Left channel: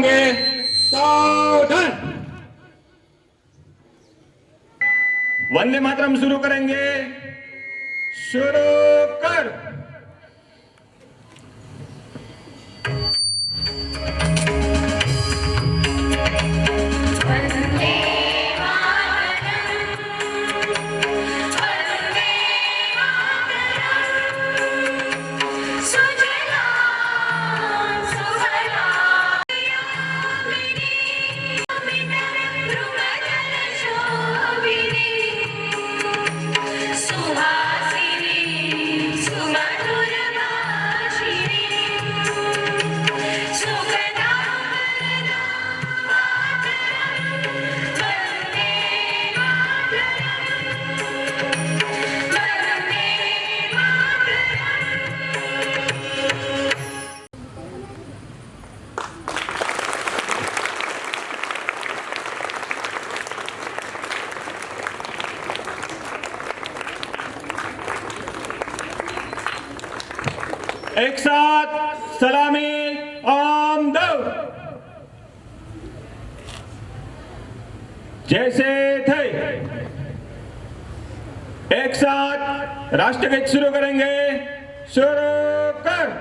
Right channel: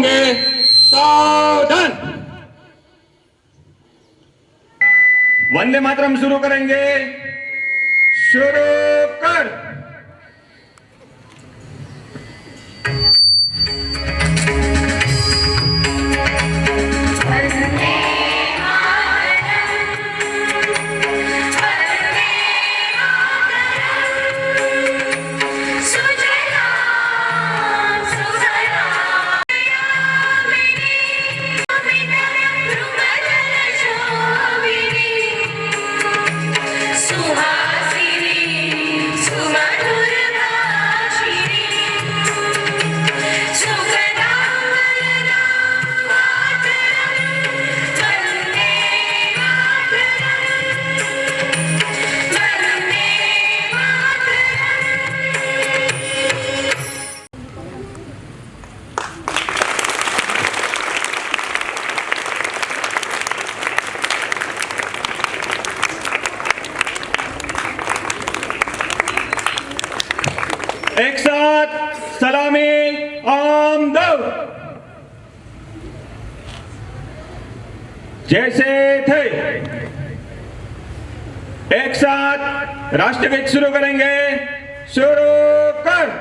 होंगे, सावधान। वंदे मातरम शुरू करेंगे, शुरू कर। एक साथ सलामी आमद। जैसे थे एक साथ राष्ट्रगीत शुरू करेंगे, शुरू कर।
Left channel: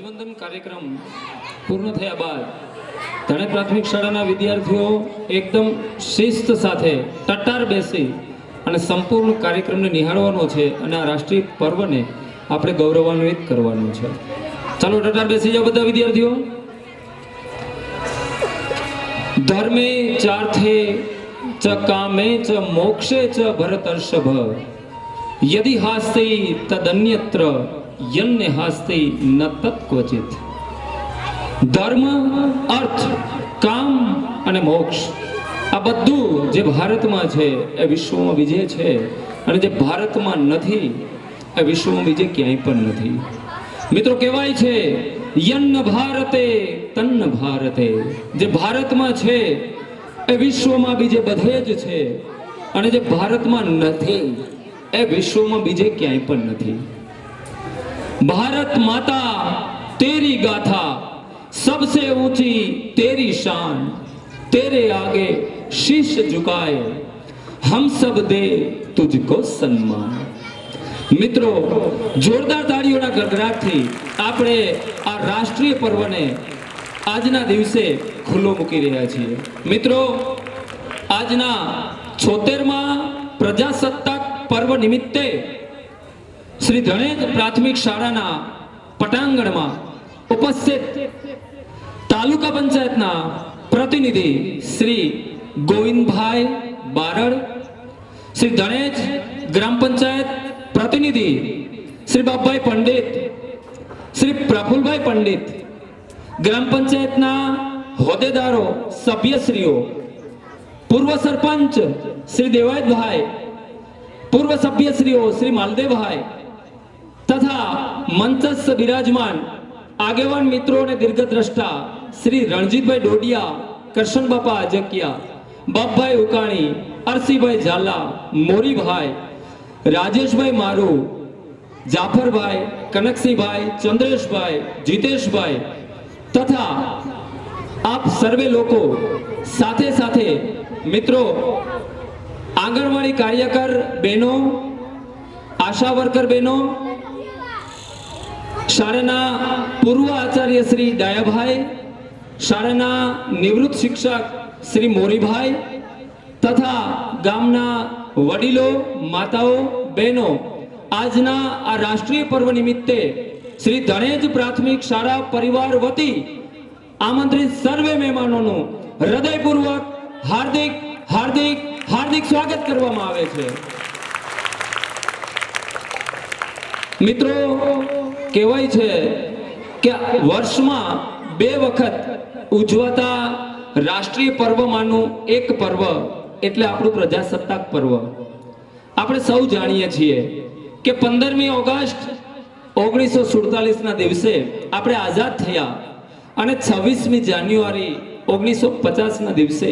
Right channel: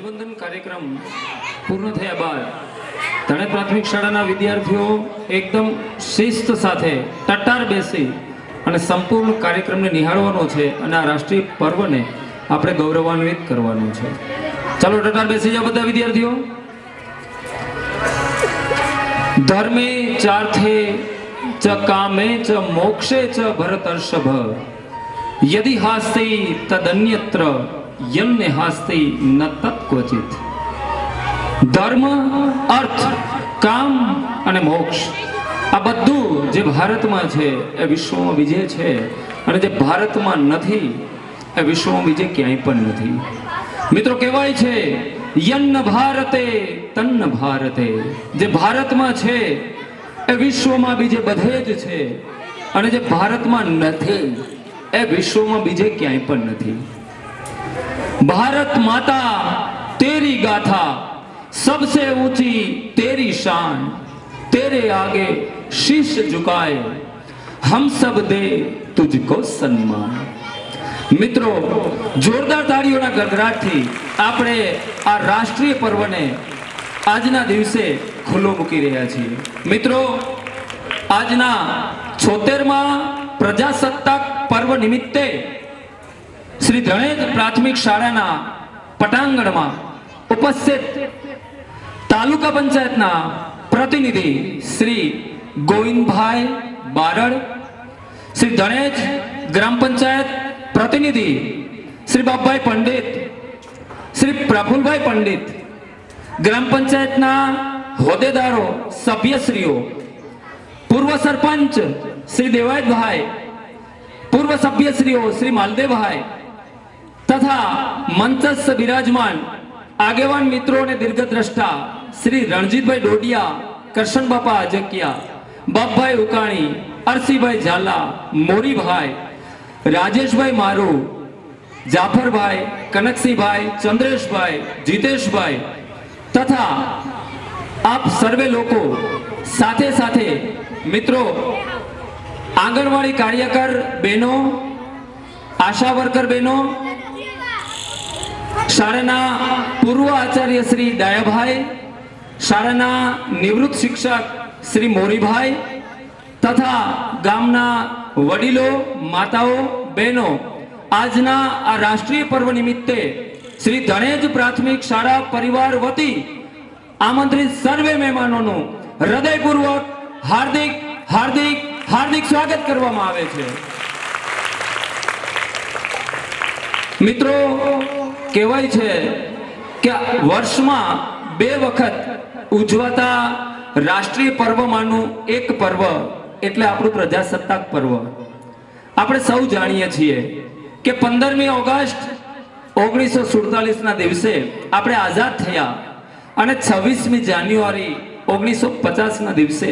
ધ્વજવંદન કાર્યક્રમ પૂર્ણ થયા બાદ ધણેજ પ્રાથમિક શાળાના વિદ્યાર્થીઓ એકદમ શિસ્ત સાથે ટટ્ટાર બેસી અને સંપૂર્ણ કાર્યક્રમને નિહાળવાનો છે અને આ રાષ્ટ્રીય પર્વને આપણે ગૌરવાન્વિત કરવાનું છે. ચાલો ટટ્ટાર બેસી જાઓ બધા વિદ્યાર્થીઓ. ધર્મે ચાર્થે ચ કામે ચ મોક્ષે ચ ભરતર્ષભ યદિ હાસ્તિ તદન્યત્ર યન્ને હાસ્તિ ન તત્ક્વચિત. ધર્મ, અર્થ, કામ અને મોક્ષ આ બધું જે ભારતમાં છે એ વિશ્વમાં બીજે છે, અને જે ભારતમાં નથી એ વિશ્વમાં બીજે ક્યાંય પણ નથી. મિત્રો કહેવાય છે યન્ન ભારતે તન્ન ભારતે. જે ભારતમાં છે એ વિશ્વમાં બીજે બધે જ છે, અને જે ભારતમાં નથી એ વિશ્વમાં બીજે ક્યાંય પણ નથી. ભારત માતા તેરી ગાથા सबसे ऊंची तेरी शान, तेरे आगे शीश झुकाए हम सब दे तुझको सम्मान. મિત્રો જોરદાર તાળીઓના ગડગડાટથી આપણે આ રાષ્ટ્રીય પર્વને આજના દિવસે ખુલ્લો મૂકી રહ્યા છીએ. મિત્રો આજના 76મા પ્રજાસત્તાક પર્વ નિમિત્તે શ્રી ધણેજ પ્રાથમિક શાળાના પટાંગણમાં ઉપસ્થિત તાલુકા પંચાયતના પ્રતિનિધિ શ્રી ગોવિંદભાઈ બારડ, શ્રી ધણેજ ગ્રામ પંચાયત પ્રતિનિધિ શ્રી બાપભાઈ પંડિત, શ્રી પ્રફુલભાઈ પંડિત, ગ્રામ પંચાયતના હોદ્દેદારો, સભ્યશ્રીઓ, પૂર્વ સરપંચ શ્રી દેવાયતભાઈ, પૂર્વ સભ્યશ્રીઓ શ્રી માલદેવભાઈ તથા મંચસ્થ બિરાજમાન આગેવાન મિત્રો અને દીર્ઘદ્રષ્ટા શ્રી રણજીતભાઈ ડોડિયા, કરશનબાપા આજકિયા, બાપભાઈ ઉકાણી, અરસીભાઈ ઝાલા, મોરીભાઈ, રાજેશભાઈ મારુ, જાફરભાઈ, કનકસિંહભાઈ, ચંદ્રેશભાઈ, જીતેશભાઈ તથા આપ સર્વે લોકો, સાથે સાથે મિત્રો આંગણવાડી કાર્યકર બહેનો, આશા વર્કર બહેનો, શાળાના પૂર્વ આચાર્ય શ્રી દયાભાઈ, શાળાના નિવૃત્ત શિક્ષક શ્રી મોરીભાઈ તથા ગામના વડીલો, માતાઓ, બહેનો, આજના આ રાષ્ટ્રીય પર્વ નિમિત્તે શ્રી ધણેજ પ્રાથમિક શાળા પરિવાર વતી આમંત્રિત સર્વે મહેમાનોનું હૃદયપૂર્વક હાર્દિક હાર્દિક હાર્દિક સ્વાગત કરવામાં આવે છે. મિત્રો કહેવાય છે કે વર્ષમાં 2 વખત ઉજવાતા રાષ્ટ્રીય પર્વમાંનું એક પર્વ એટલે આપણું પ્રજાસત્તાક પર્વ. આપણે સૌ જાણીએ છીએ કે 15મી ઓગસ્ટ 1947 ના દિવસે આપણે આઝાદ થયા અને 26મી જાન્યુઆરી 1950 ના દિવસે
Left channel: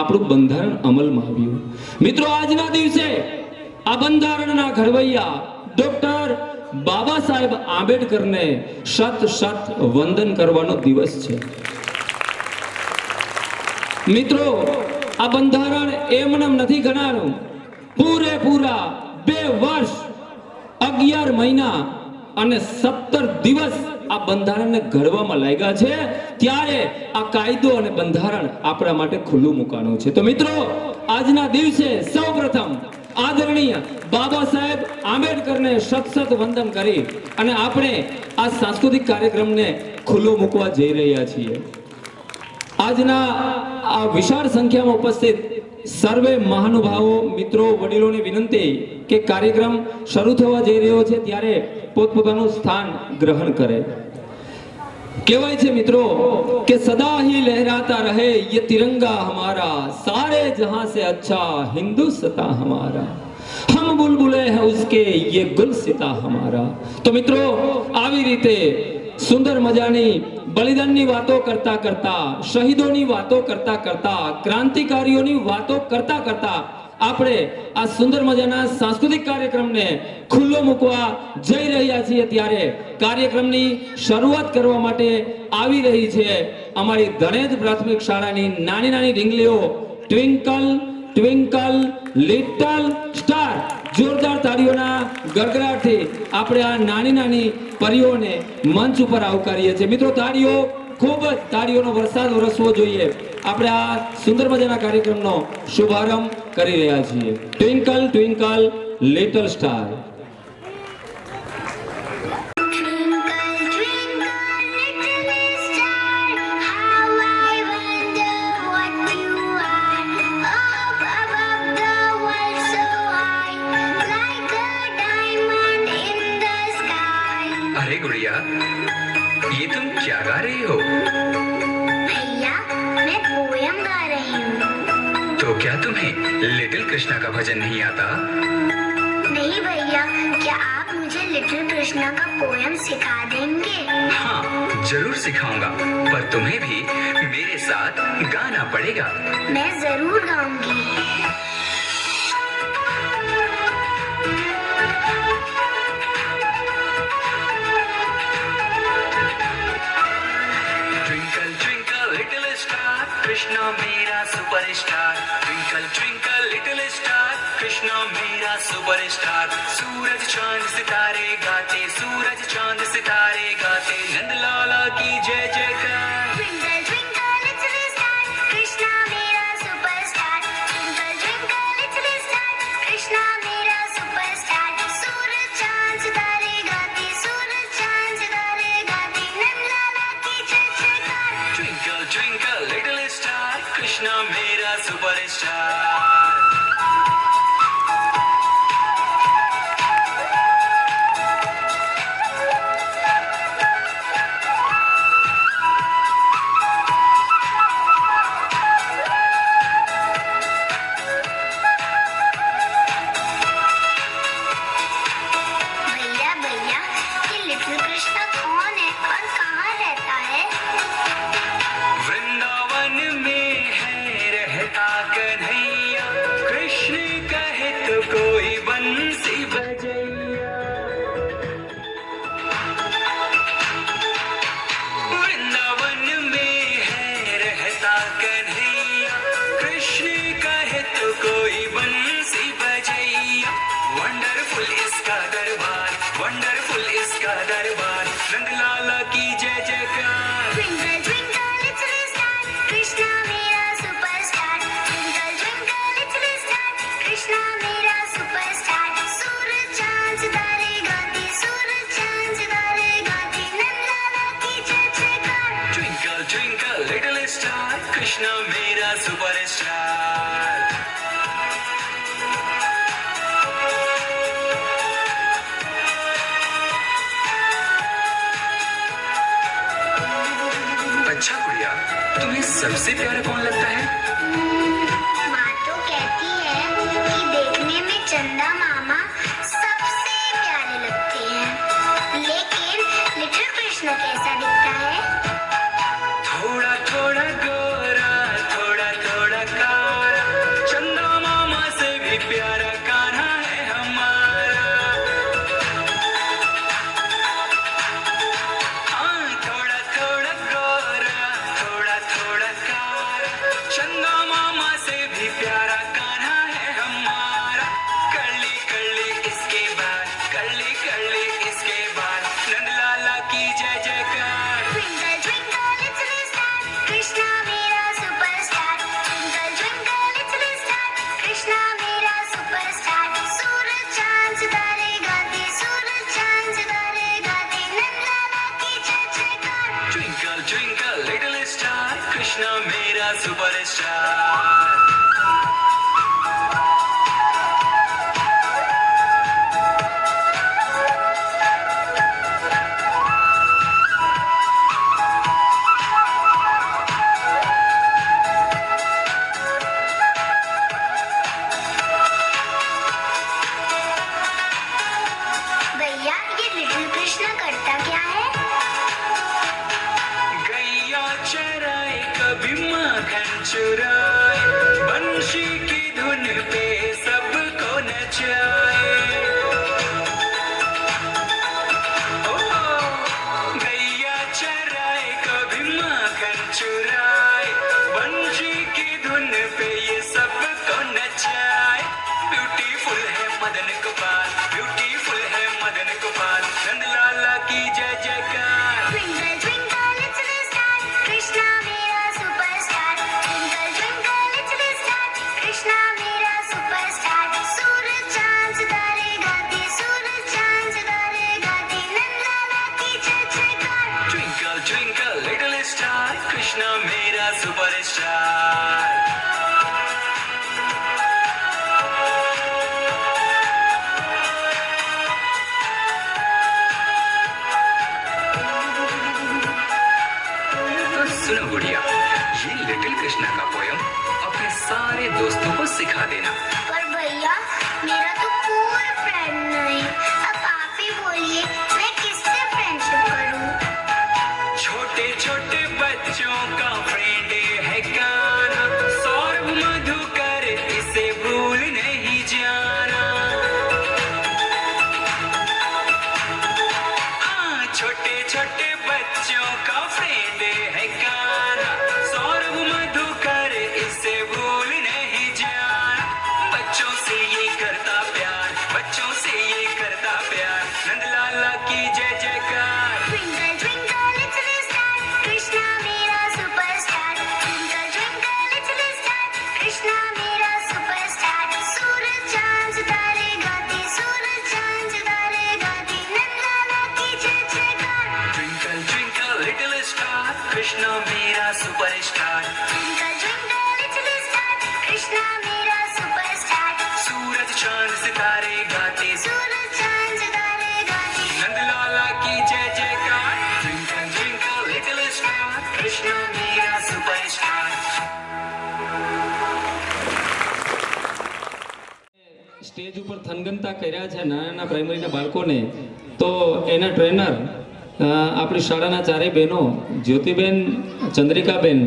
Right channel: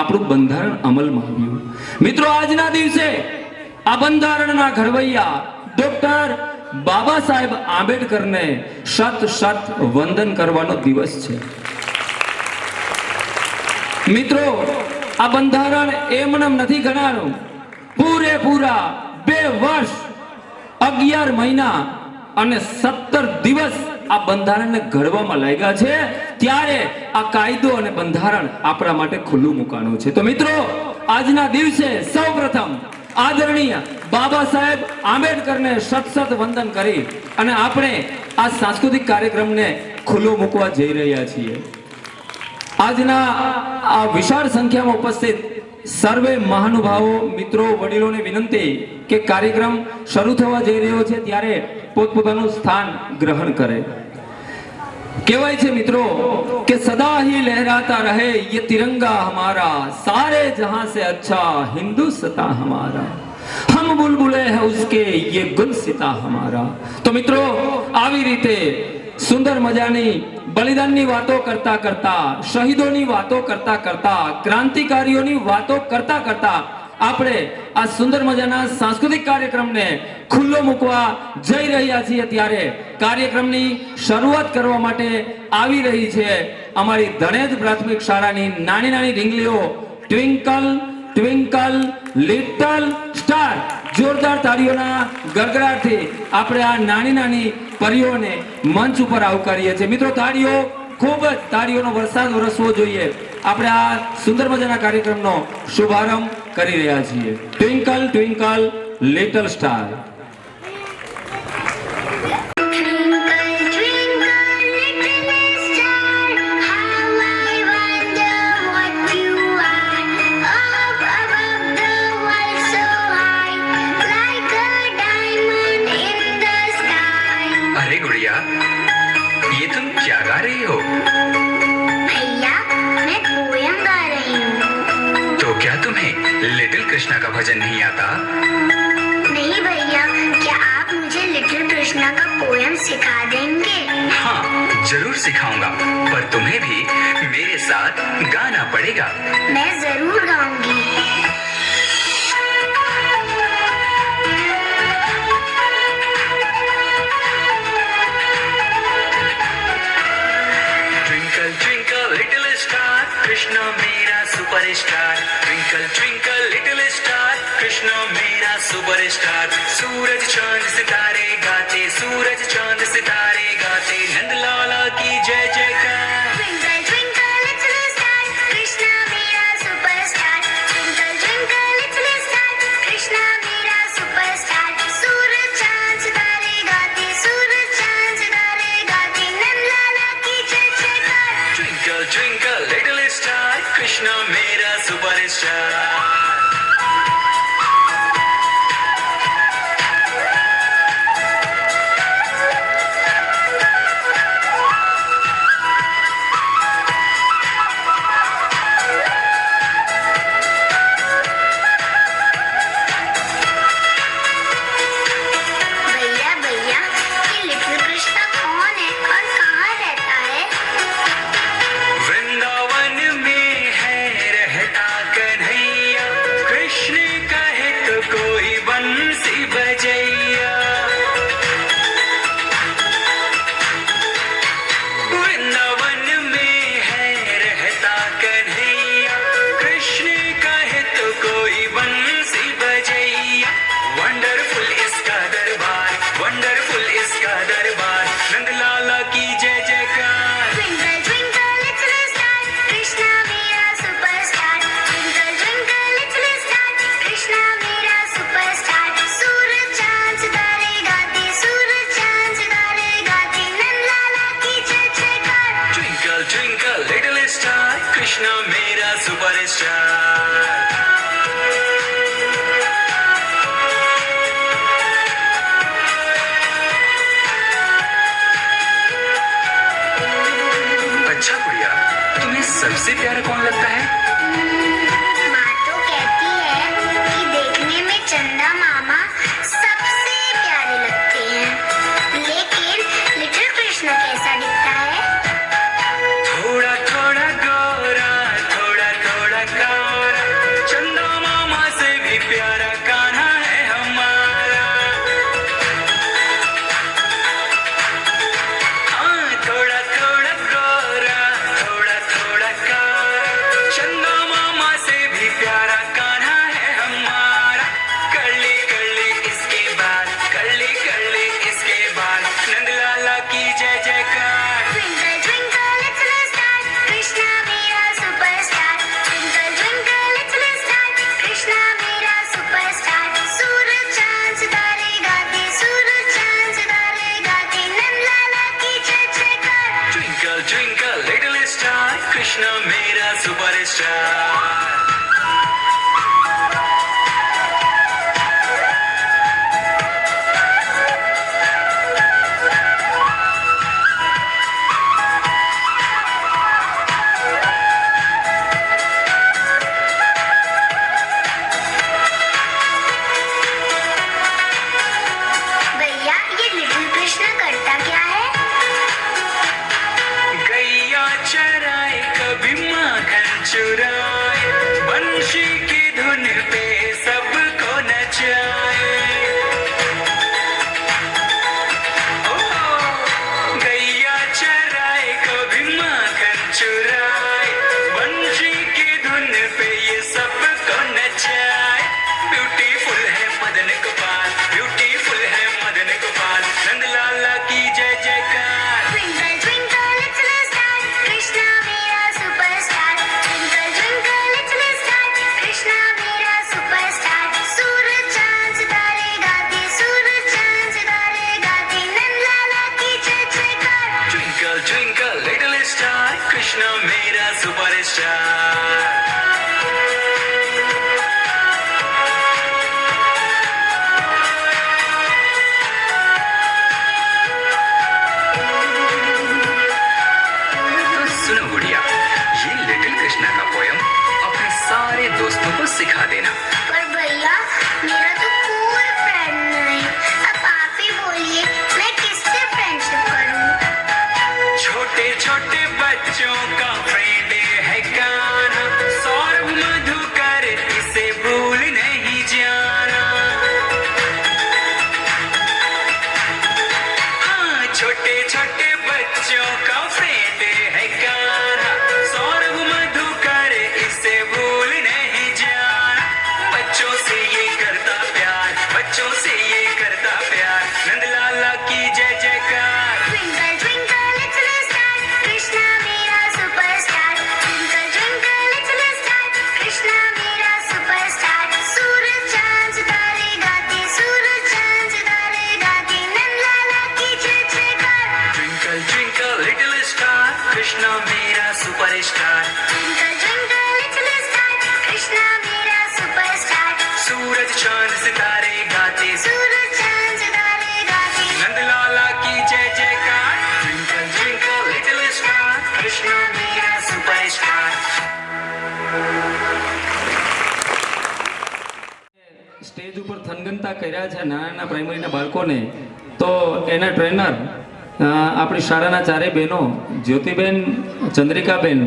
આપણું બંધારણ અમલમાં આવ્યું. મિત્રો આજના દિવસે આ બંધારણના ઘડવૈયા ડોક્ટર બાબા સાહેબ આંબેડકરને શત શત વંદન કરવાનો દિવસ છે. મિત્રો આ બંધારણ એમનેમ નથી ગણાનું. પૂરેપૂરા 2 વર્ષ 11 મહિના અને 17 દિવસ આ બંધારણને ઘડવામાં લાગ્યા છે. ત્યારે આ કાયદો અને બંધારણ આપણા માટે ખુલ્લું મુકાનું છે. તો મિત્રો આજના દિવસે સૌપ્રથમ આદરણીય બાબા સાહેબ આંબેડકરને શત શત વંદન કરી અને આપણે આ સાંસ્કૃતિક કાર્યક્રમને ખુલ્લો મૂકવા જઈ રહ્યા છીએ. આજના આ વિશાળ સંખ્યામાં ઉપસ્થિત સર્વે મહાનુભાવો, મિત્રો, વડીલોને વિનંતી કે કાર્યક્રમ શરૂ થવા જઈ રહ્યો છે ત્યારે પોતપોતાનું સ્થાન ગ્રહણ કરે. કહેવાય છે મિત્રો કે સદા ही लहराता रहे ये तिरंगा हमारा, सारे जहां से अच्छा हिंदुस्तान हमारा, हम बुलबुले हैं उसके ये गुलसिता हमारा. तो મિત્રો આવી રીતે સુંદર મજાની બલિદાનની વાતો કરતા કરતા, શહીદોની વાતો કરતા કરતા, ક્રાંતિકારીઓની વાતો કરતા કરતા આપણે આ સુંદર મજાના સાંસ્કૃતિક કાર્યક્રમને ખુલ્લો મૂકવા જઈ રહ્યા છીએ. ત્યારે કાર્યક્રમની શરૂઆત કરવા માટે આવી રહી છે અમારી ધણેજ પ્રાથમિક શાળાની નાની નાની ઢીંગલીઓ ટ્વિંકલ ટ્વિંકલ લિટલ સ્ટાર. જોરદાર તાળીઓના ગડગડાટથી આપણે આ નાની નાની પરીઓને મંચ ઉપર આવકારીએ છીએ. મિત્રો તાળીઓ, ખૂબ જ તાળીઓનો વરસાદ વરસવો જોઈએ. આપણે આ સુંદર મજાના કાર્યક્રમનો શુભારંભ કરી રહ્યા છીએ. Twinkle twinkle little star. अरे गुड़िया, ये तुम क्या गा रही हो? भैया, मैं पोयम गा रही हूँ। तो क्या तुम्हें लिटिल कृष्णा का भजन नहीं आता? नहीं भैया, क्या आप मुझे लिटिल कृष्णा का पोयम सिखा देंगे? हाँ, जरूर सिखाऊंगा, पर तुम्हें भी मेरे साथ गाना पड़ेगा. मैं जरूर गाऊंगी। Twinkle twinkle little star, Krishna मेरा superstar. Twinkle twinkle little star, Krishna मेरा सुपरस्टार. सूरज चांद सितारे गाते, सूरज चांद सितारे गाते, नंदलाला की जय जयकार. Twinkle twinkle little star, Krishna मेरा superstar. Twinkle twinkle little star, Krishna मेरा सुपरस्टार. सूरज चांद सितारे गाते, सूरज चांद सितारे गाते, नंदलाला की जय जयकार. Twinkle twinkle little star, Krishna मेरा सुपरस्टार. भैया भैया, ये लिटिल कृष्णा कौन है और कहाँ रहता है? वृंदावन में है रहता कन्हैया, कृष्ण कहे तो कोई बंसी बजैया. वृंदावन में है रहता कन्हैया, कृष्ण कहे तो कोई बंसी बजैया. वंडरफुल इसका दरबार, वंडरफुल इसका दरबार, नंदलाला की जय जयकार. Twinkle twinkle little star, Krishna मेरा superstar. Twinkle twinkle little star, Krishna मेरा सुपरस्टार. सूरज चांद सितारे गाते, सूरज चांद सितारे गाते, नंदलाला की जय जयकार. Twinkle twinkle little star, Krishna मेरा सुपरस्टार. अच्छा गुड़िया, तुम्हें सबसे प्यारा कौन लगता है? माँ तो कहती है कि देखने में चंदा मामा सबसे प्यारे लगते हैं, लेकिन लिटिल कृष्णा कैसा दिखता है? थोड़ा थोड़ा गोरा, थोड़ा थोड़ा कारा, चंदा मामा से भी प्यारा कान्हा है हमारा. हाँ, थोड़ा थोड़ा गोरा, थोड़ा थोड़ा कारा, चंदा मामा से भी प्यारा कान्हा है हमारा. कर्ली कर्ली इसके बाद, कर्ली कर्ली इसके बाद, नंदलाला की जय जयकार. Twinkle twinkle little star, Krishna मेरा superstar. Twinkle twinkle little star, Krishna मेरा सुपरस्टार. सूरज चांद सितारे गाते, सूरज चांद सितारे गाते, नंदलाला की जय जयकार. Twinkle twinkle little star, Krishna मेरा सुपरस्टार. भैया, ये लिटिल कृष्णा करता क्या है? गैया चराए कभी माखन चुराए, सुपरस्टार। तो सुनो गुड़िया, ये लिटिल कृष्णा का पोयम अपने सारे दोस्तों को सिखा देना। पर भैया मेरा तो कोई फ्रेंड नहीं। अब आप ही बोलिए मैं किससे फ्रेंडशिप करूं? छोटे छोटे बच्चों का फ्रेंड है गाना, सौरभ मधुकर इसे भूल नहीं जाना। छोटे छोटे बच्चों का फ्रेंड है गाना, सौरभ मधुकर इसे भूल नहीं जाना। बच्चों से ये करता प्यार, बच्चों से ये करता प्यार, नंदलाला की जय जयकार। Twinkle twinkle little star, Krishna मेरा superstar. Twinkle twinkle little star, Krishna मेरा सुपरस्टार। सूरज चांद सितारे गाते, सूरज चांद सितारे गाते, नंदलाला की जय जयकार। Twinkle twinkle little star, Krishna मेरा superstar. Twinkle twinkle little star, Krishna मेरा सुपरस्टार। सूरज चांद सितारे गाते, सूरज चांद सितारे गाते, नंदलाला की जय जयकार। Twinkle twinkle little star, Krishna मेरा सुपरस्टार। સ્ટેજ ઉપર થનગનતા કર્યા છે નાના પ્રાઇમરીના બાળકોને, તો એના ટ્રેનર આપણી શાળાના ચારેય બહેનો જ્યોતિબેન, ચંદ્રિકાબેન,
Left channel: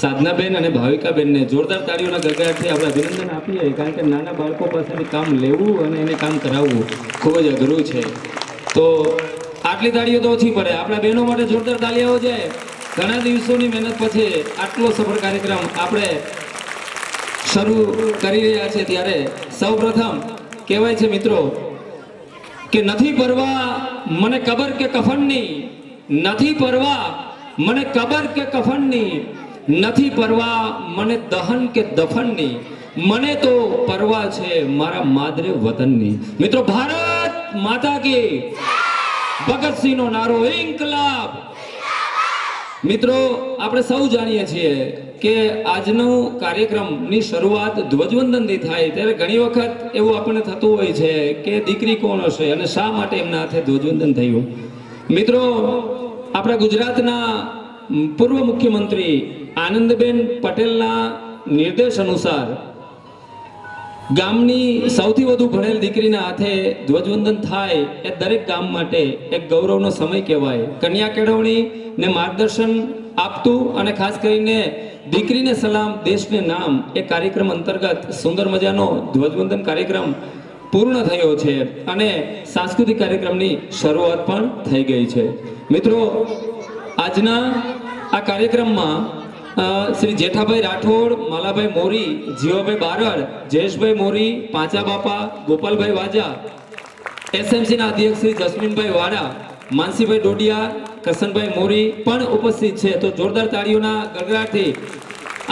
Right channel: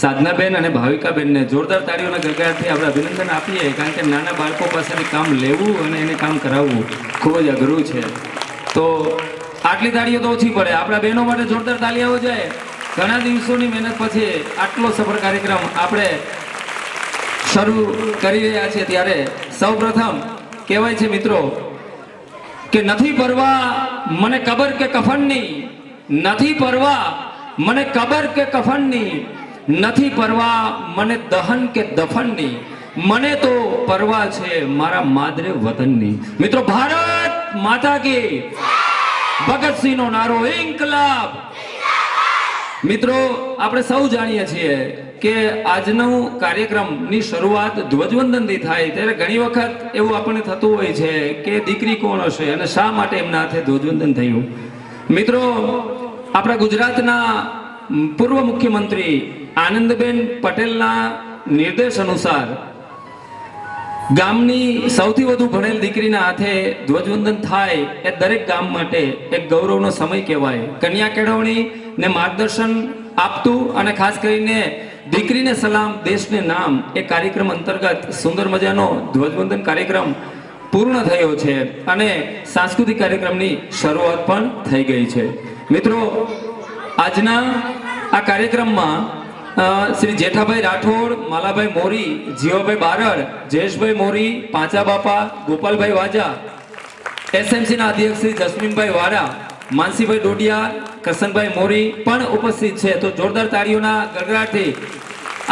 સાધનાબેન અને ભાવિકાબેનને જોરદાર તાળીઓના ગગડાટથી આપણે અભિનંદન આપીએ, કારણ કે નાના બાળકો પાસેથી કામ લેવું અને એને કામ કરાવવું ખૂબ જ અઘરું છે. તો આટલી તાળીઓ તો ઓછી પડે. આપણા બહેનો માટે જોરદાર તાળી આવવો જોઈએ. ઘણા દિવસોની મહેનત પછી આટલો સફળ કાર્યક્રમ આપણે શરૂ કરી રહ્યા છે, ત્યારે સૌપ્રથમ કહેવાય છે મિત્રો કે નથી પરવા મને કબર કે કફનની, નથી પરવા મને કબર કે કફનની, નથી પરવા મને દહન કે દફનની, મને તો પરવા છે મારા માદરે વતનની. મિત્રો ભારત માતા કી, ભગતસિંહનો નારો ઇન્કલાબ. મિત્રો આપણે સૌ જાણીએ છીએ કે આજનો કાર્યક્રમની શરૂઆત ધ્વજવંદનથી થાય, ત્યારે ઘણી વખત એવું આપણને થતું હોય છે કે દીકરી કોણ હશે અને શા માટે એમના હાથે ધ્વજવંદન થયું. મિત્રો આપણા ગુજરાતના પૂર્વ મુખ્યમંત્રી આનંદબેન પટેલના નિર્દેશ અનુસાર ગામની સૌથી વધુ ભણેલ દીકરીના હાથે ધ્વજવંદન થાય એ દરેક ગામ માટે એક ગૌરવનો સમય કહેવાય. કન્યા કેળવણી ને માર્ગદર્શન આપતું અને ખાસ કરીને દીકરીને સલામ દેશને નામ એ કાર્યક્રમ અંતર્ગત સુંદર મજાનો ધ્વજવંદન કાર્યક્રમ પૂર્ણ થયો છે અને સાંસ્કૃતિક કાર્યક્રમની શરૂઆત પણ થઈ ગઈ છે. મિત્રો આજના આ કાર્યક્રમમાં શ્રી જેઠાભાઈ રાઠોડ, માલાભાઈ મોરી, જીવાભાઈ બારડ, જયેશભાઈ મોરી, પાંચા બાપા, ગોપાલભાઈ વાજા, એસએમસીના અધ્યક્ષ શ્રી જસ્મીનભાઈ વાડા, માનસીભાઈ ડોડિયા, કરશનભાઈ મોરી પણ ઉપસ્થિત છે. તો જોરદાર તાળીઓના ગગડાટથી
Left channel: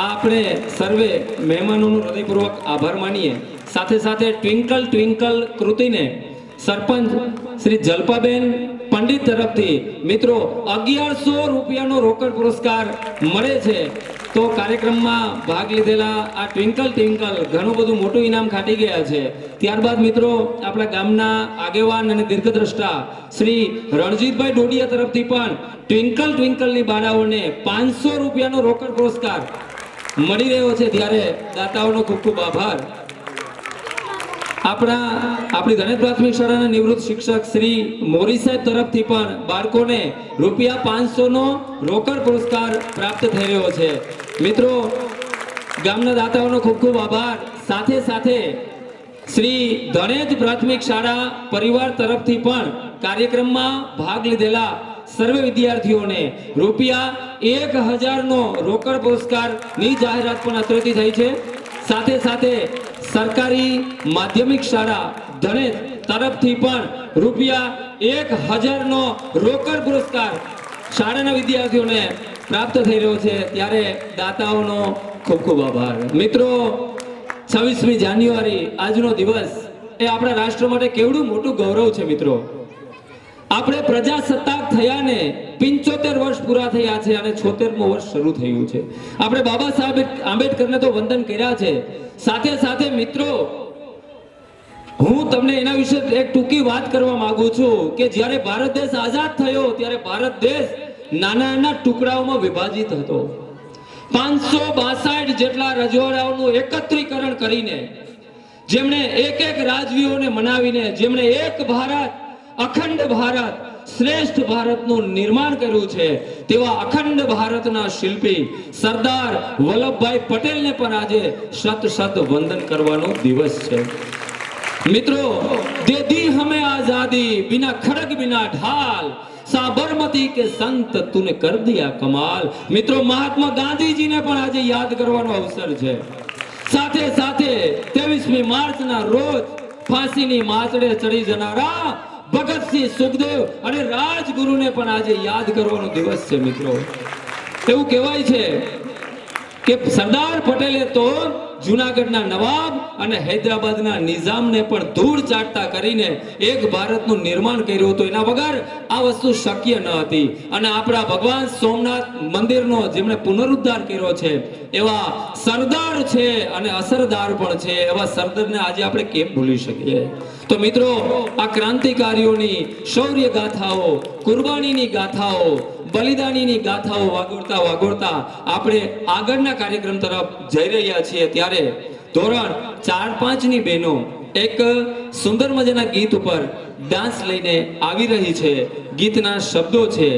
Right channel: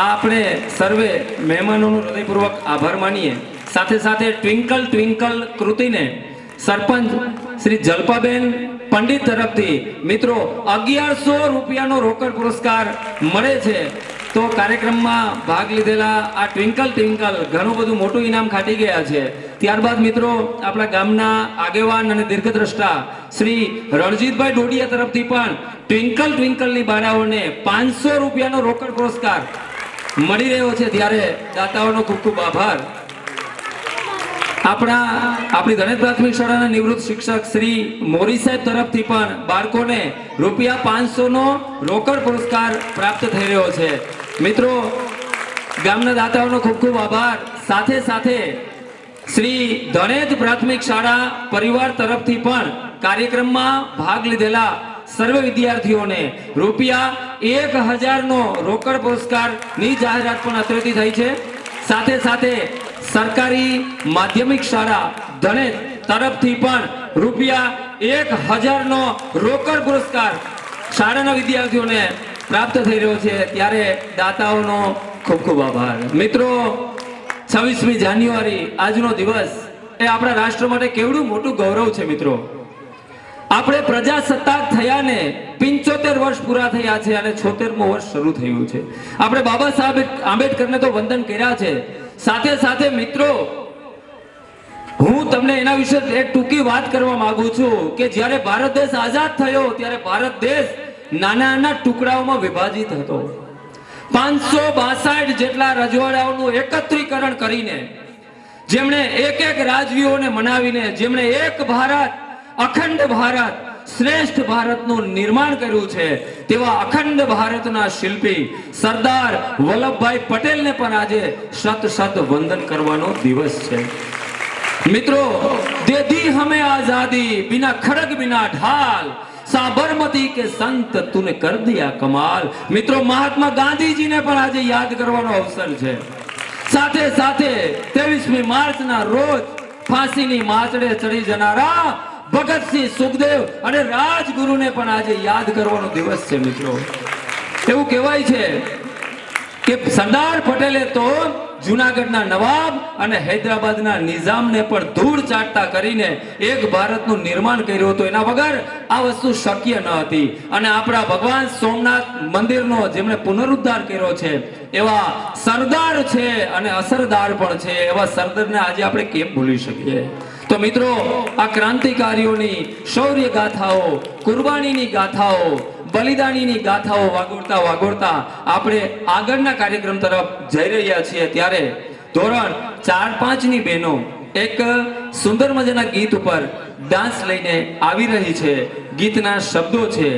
આપણે સર્વે મહેમાનોનો હૃદયપૂર્વક આભાર માનીએ. સાથે સાથે ટ્વિંકલ ટ્વિંકલ કૃતિને સરપંચ શ્રી જલ્પાબેન પંડિત તરફથી મિત્રો 1100 રૂપિયાનો રોકડ પુરસ્કાર મળે છે. તો કાર્યક્રમમાં ભાગ લીધેલા આ ટ્વિંકલ ટ્વિંકલ ઘણું બધું મોટું ઇનામ ખાટી ગયા છે. ત્યારબાદ મિત્રો આપણા ગામના આગેવાન અને દીર્ઘદ્રષ્ટા શ્રી રણજીતભાઈ ડોડિયા તરફથી પણ ટ્વિંકલ ટ્વિંકલની બાળાઓને 500 રૂપિયાનો રોકડ પુરસ્કાર મળી રહ્યો છે. ત્યારે દાતાઓનો ખૂબ ખૂબ આભાર. આપણી ગણેશ પ્રાથમિક શાળાના નિવૃત્ત શિક્ષક શ્રી મોરી સાહેબ તરફથી પણ બાળકોને રૂપિયા 500 નો રોકડ પુરસ્કાર પ્રાપ્ત થઈ રહ્યો છે. મિત્રો ગામના દાતાઓનો ખૂબ ખૂબ આભાર. સાથે સાથે શ્રી ગણેશ પ્રાથમિક શાળા પરિવાર તરફથી પણ કાર્યક્રમમાં ભાગ લીધેલા સર્વે વિદ્યાર્થીઓને રૂપિયા 1000 નો રોકડ પુરસ્કારની જાહેરાત પણ અત્રેથી થઈ છે. સાથે સાથે સરકારી માધ્યમિક શાળા ધણેજ તરફથી પણ રૂપિયા 1000 નો રોકડ પુરસ્કાર શાળાના વિદ્યાર્થીઓને પ્રાપ્ત થઈ રહ્યો છે. ત્યારે દાતાઓનો ખૂબ ખૂબ આભાર. મિત્રો 26મી જાન્યુઆરી આજનો દિવસ એ આપણા રાષ્ટ્ર માટે કેવડું મોટું ગૌરવ છે. મિત્રો આપણે પ્રજાસત્તાક થયાને 75 વર્ષ પૂરા થયા છે અને 76મું વર્ષ શરૂ થયું છે. આપણે બાબા સાહેબ આંબેડકરને તો વંદન કર્યા છે. સાથે સાથે મિત્રો, હું તમને એના વિશે એક ટૂંકી વાત કરવા માંગુ છું કે જ્યારે ભારત દેશ આઝાદ થયો ત્યારે ભારત દેશ નાના નાના ટુકડાઓમાં વિભાજિત હતો. 562 જેટલા રજવાડાઓનું એકત્રીકરણ કરીને, જેમણે એક એક રાજવીઓને મનાવીને, જેમણે એક ભારત, અખંડ ભારત, શ્રેષ્ઠ ભારતનું નિર્માણ કર્યું છે, તેવા અખંડ ભારતના શિલ્પી સરદાર વલ્લભભાઈ પટેલને પણ આજે શત શત વંદન કરવાનો દિવસ છે. મિત્રો, દે दी हमें आजादी बिना खड़ग बिना ढाल, साबरमती के संत तूने कर दिया कमाल. મિત્રો, મહાત્મા ગાંધીજીને પણ આજે યાદ કરવાનો અવસર છે. સાથે સાથે 23મી માર્ચના રોજ ફાંસીની માચડે ચડી જનારા ભગતસિંહ, સુખદેવ અને રાજગુરુને પણ આજે યાદ કરવાનો દિવસ છે. મિત્રો, એવું કહેવાય છે કે સરદાર પટેલે તો જૂનાગઢના નવાબ અને હૈદરાબાદના નિઝામને પણ ધૂળ ચાટતા કરીને એક ભારતનું નિર્માણ કર્યું હતું. એના વગર આ વસ્તુ શક્ય ન હતી. અને આપણા ભગવાન સોમનાથ મંદિરનો જેમણે પુનરુદ્ધાર કર્યો છે એવા સરદાર છે અને અસરદાર પણ છે. એવા સરદારને આજે આપણે કેમ ભૂલી શકીએ? તો મિત્રો, આ ક્રાંતિકારીઓની શૌર્ય ગાથાઓ, કુરબાનીની ગાથાઓ, બલિદાનીની ગાથાઓ વાગોળતા વાગોળતા આપણે આગળના કાર્યક્રમ તરફ જઈ રહ્યા છીએ. ત્યારે ધોરણ 4-5ની બહેનો એક સુંદર મજાના ગીત ઉપર ડાન્સ લઈને આવી રહી છે. ગીતના શબ્દો છે,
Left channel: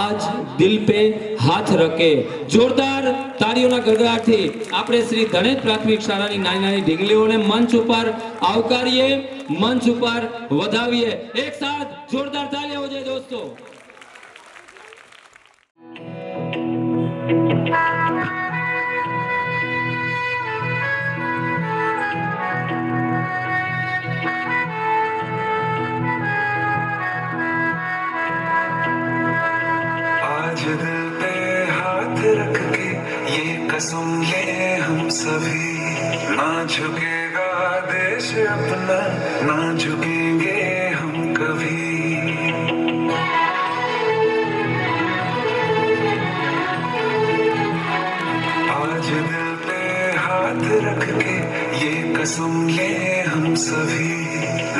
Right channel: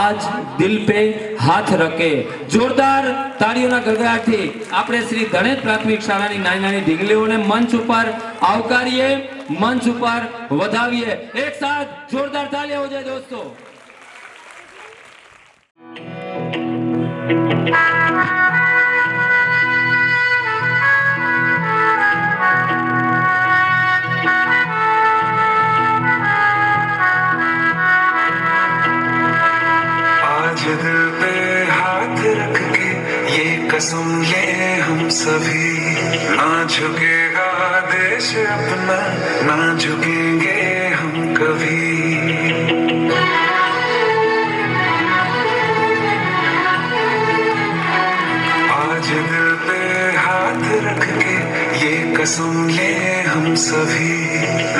આજ દિલ પે હાથ રખે. જોરદાર તાળીઓના ગગડાટથી આપણે શ્રી ધનેજ પ્રાથમિક શાળાની નાની નાની ઢીંગલીઓને મંચ ઉપર આવકારીએ, મંચ ઉપર વધાવીએ. એક સાથ જોરદાર તાળીઓ હો જાય દોસ્તો. आज दिल पे हाथ रख के ये कसम ले हम सभी, ना झुकेगा देश अपना, ना झुकेंगे हम कभी. आज दिल पे हाथ रख के ये कसम ले हम सभी,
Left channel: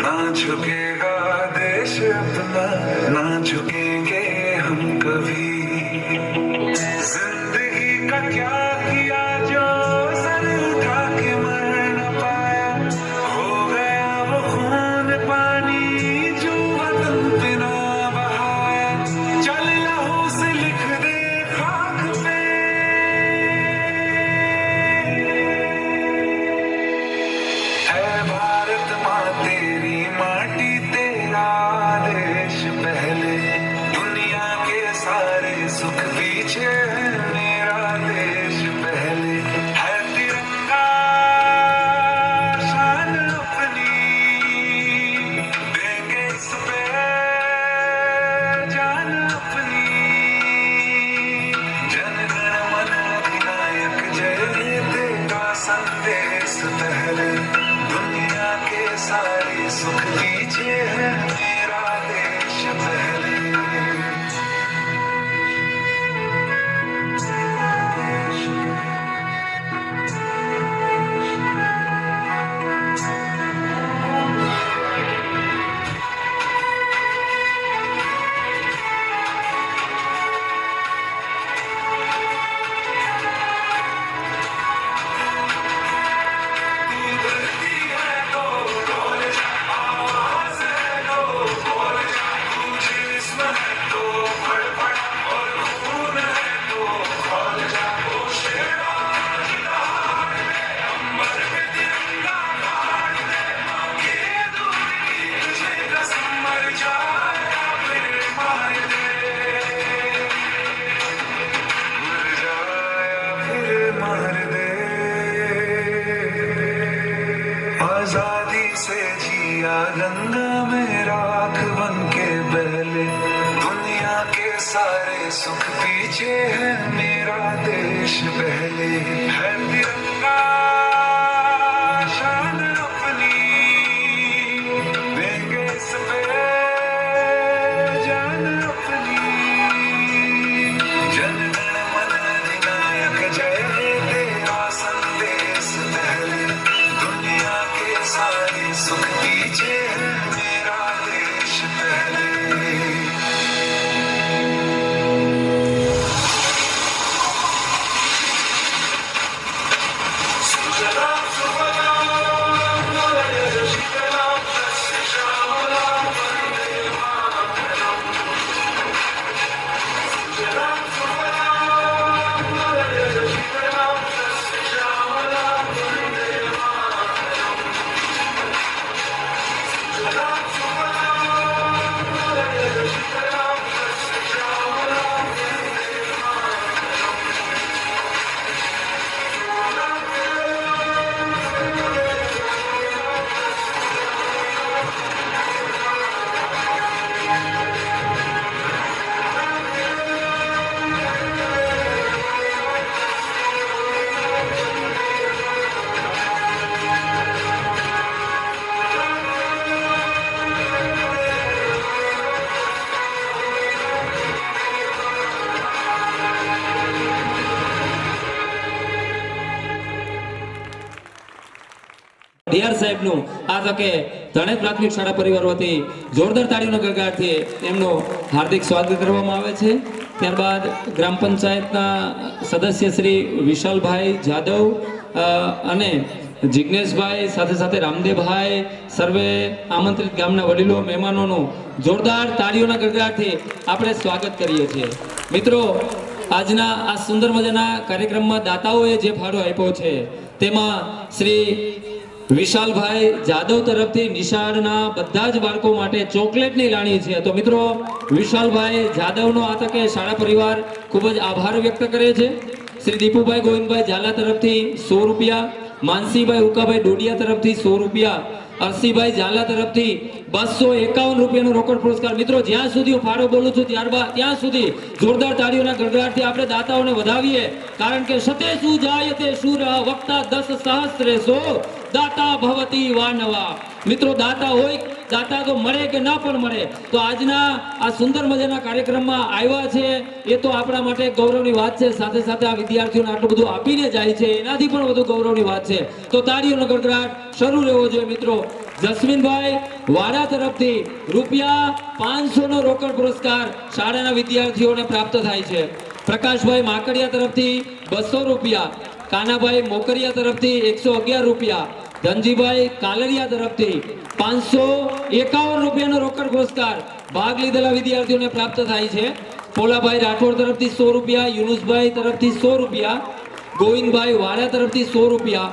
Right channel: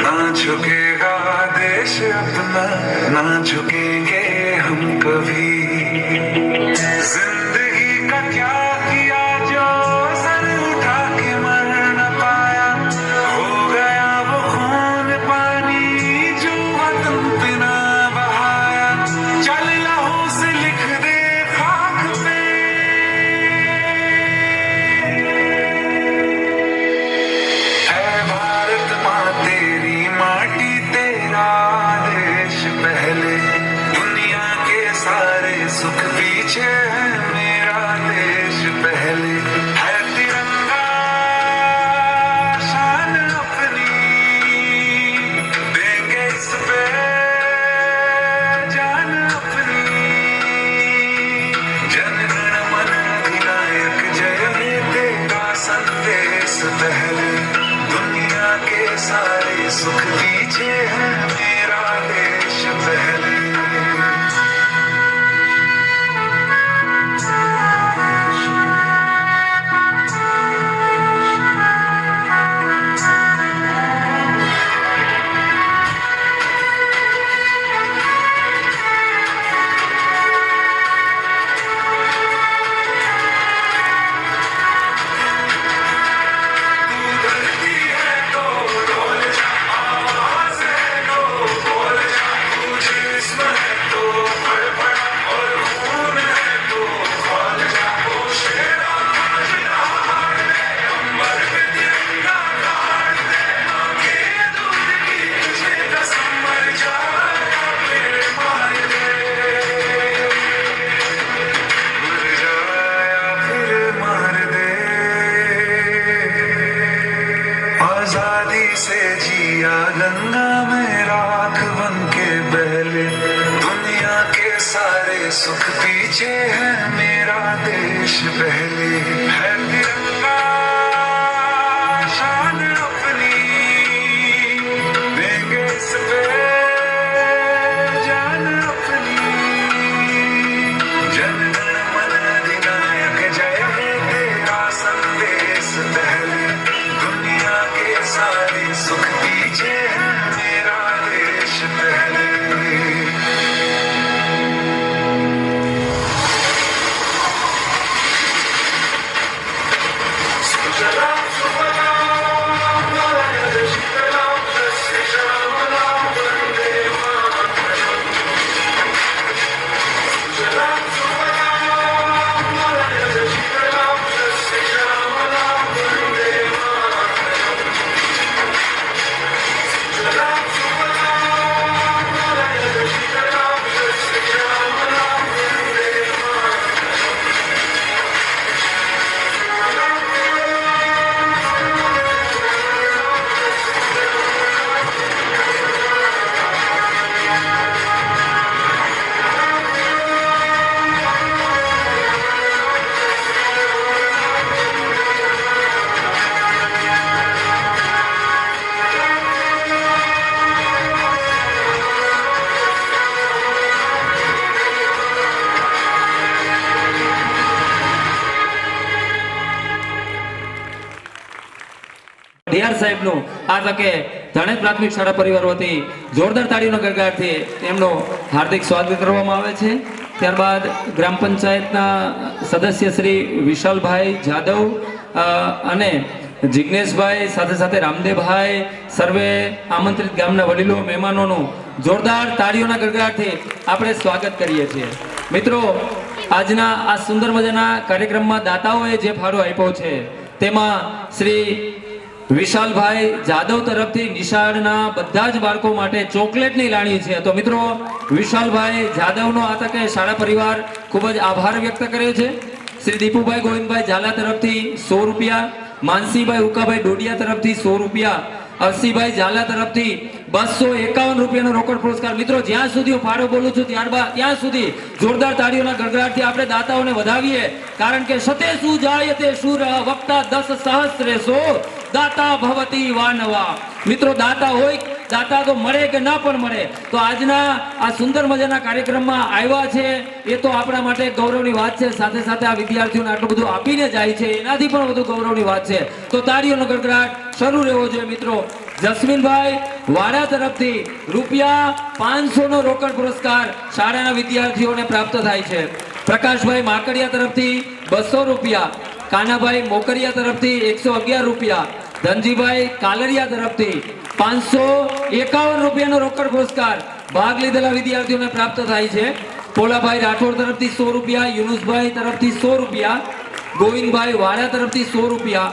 ना झुकेगा देश अपना, ना झुकेंगे हम कभी. जिंदगी का क्या किया जो सर उठा के मर न पाया, हो गया वो खून पानी जो वतन पे ना बहाया. चल लहू से लिख दे खाक पे, ऐ भारत माँ तेरी माटी तेरा देश पहले, दुनिया के सारे सुख पीछे है मेरा देश पहले. है तिरंगा शान अपनी, देंगे इस पे जान अपनी. जन गण मन अधिनायक जय हे देगा संदेश पहले, दुनिया के सारे सुख पीछे है मेरा देश पहले. आजादी से जिया गंगा में राख बन के बहले, दुनिया के सारे सुख पीछे है मेरा देश पहले. है तिरंगा शान अपनी, देंगे इस पे ડીઆર સાહેબનું આ તકે ધણેજ પ્રાથમિક શાળા પરિવાર વતી જોરદાર તાળીનો ગડગડાટથી એમનું હાર્દિક સ્વાગત કરવામાં આવે છે. ત્યારબાદ ગ્રામ પંચાયતના સદસ્ય શ્રી વિશાલભાઈ જાદવ અને જિજ્ઞેશભાઈ સાથે સાથે રામદેવભાઈ સર્વે આમંત્રિત ગામના વડીલો મહેમાનોનું જોરદાર તાળીઓના ગડગડાટથી આપણે સ્વાગત કરીએ છીએ. મિત્રો, આજના આ સુંદર મજાના કાર્યક્રમમાં દાતાઓએ જે ફાળો આપ્યો છે તેમાં શ્રી વિશાલભાઈ જાદવ તરફથી નિશાળના બધા જ બાળકો માટે ચોકલેટની લાણી છે. તો મિત્રો, વિશાલભાઈ જાદવનો આ તકે શાળા પરિવાર ખૂબ જ આભાર વ્યક્ત કરે છે. શ્રી દીપુભાઈ ગોવિંદભાઈ ઝાલા તરફથી 100 રૂપિયા, માનસીભાઈ ઉકાભાઈ ડોડિયા તરફથી 100 રૂપિયા, અરસીભાઈ ઝાલા તરફથી 251 રૂપિયાનો રોકડ પુરસ્કાર. મિત્રો, જ્યાં સુધી હું ફાળો બોલું છું ત્યાં સુધી જોરદાર તાળીઓના ગડગડાટથી આપણે દાતાઓને વધાવીએ, કારણ કે સતે શું જાય તે શુર વક્તા 10 સહસ્ત્રેસો દાતા ભવતી વાનવા. મિત્રો, દાતા હોય, દાતા તો મળે કે ના પણ મળે, તો આજના આ સુંદર મજાના કાર્યક્રમમાં આવ્યા છે એ તો આપણા માટે ગૌરવની વાત છે. સાથે સાથે આ વિદ્યાર્થીઓને આટલું બધું આપીને જાય છે એનાથી પણ વધુ ગૌરવની વાત છે. તો તાળીઓનો ગડગડાટ શરૂ રહેવો જોઈએ. મિત્રો, જસ્મીનભાઈ વાડા તરફથી ₹500નો રોકડ પુરસ્કાર શાળાના વિદ્યાર્થીઓને પ્રાપ્ત થાય છે. પ્રકાશભાઈ માકડિયા તરફથી 200 રૂપિયા, કાનાભાઈ મોકરિયા તરફથી 111 રૂપિયા, ધનજીભાઈ કાલરિયા તરફથી 551 રૂપિયાનો રોકડ પુરસ્કાર ભાગ લીધેલા વિદ્યાર્થીઓને પ્રાપ્ત થાય છે. પોલાભાઈ રાઠોડ તરફથી 100 રૂપિયા, યુનુસભાઈ તરફથી 100 રૂપિયા, ગોવિંદભાઈ વાડા તરફથી 100 રૂપિયા,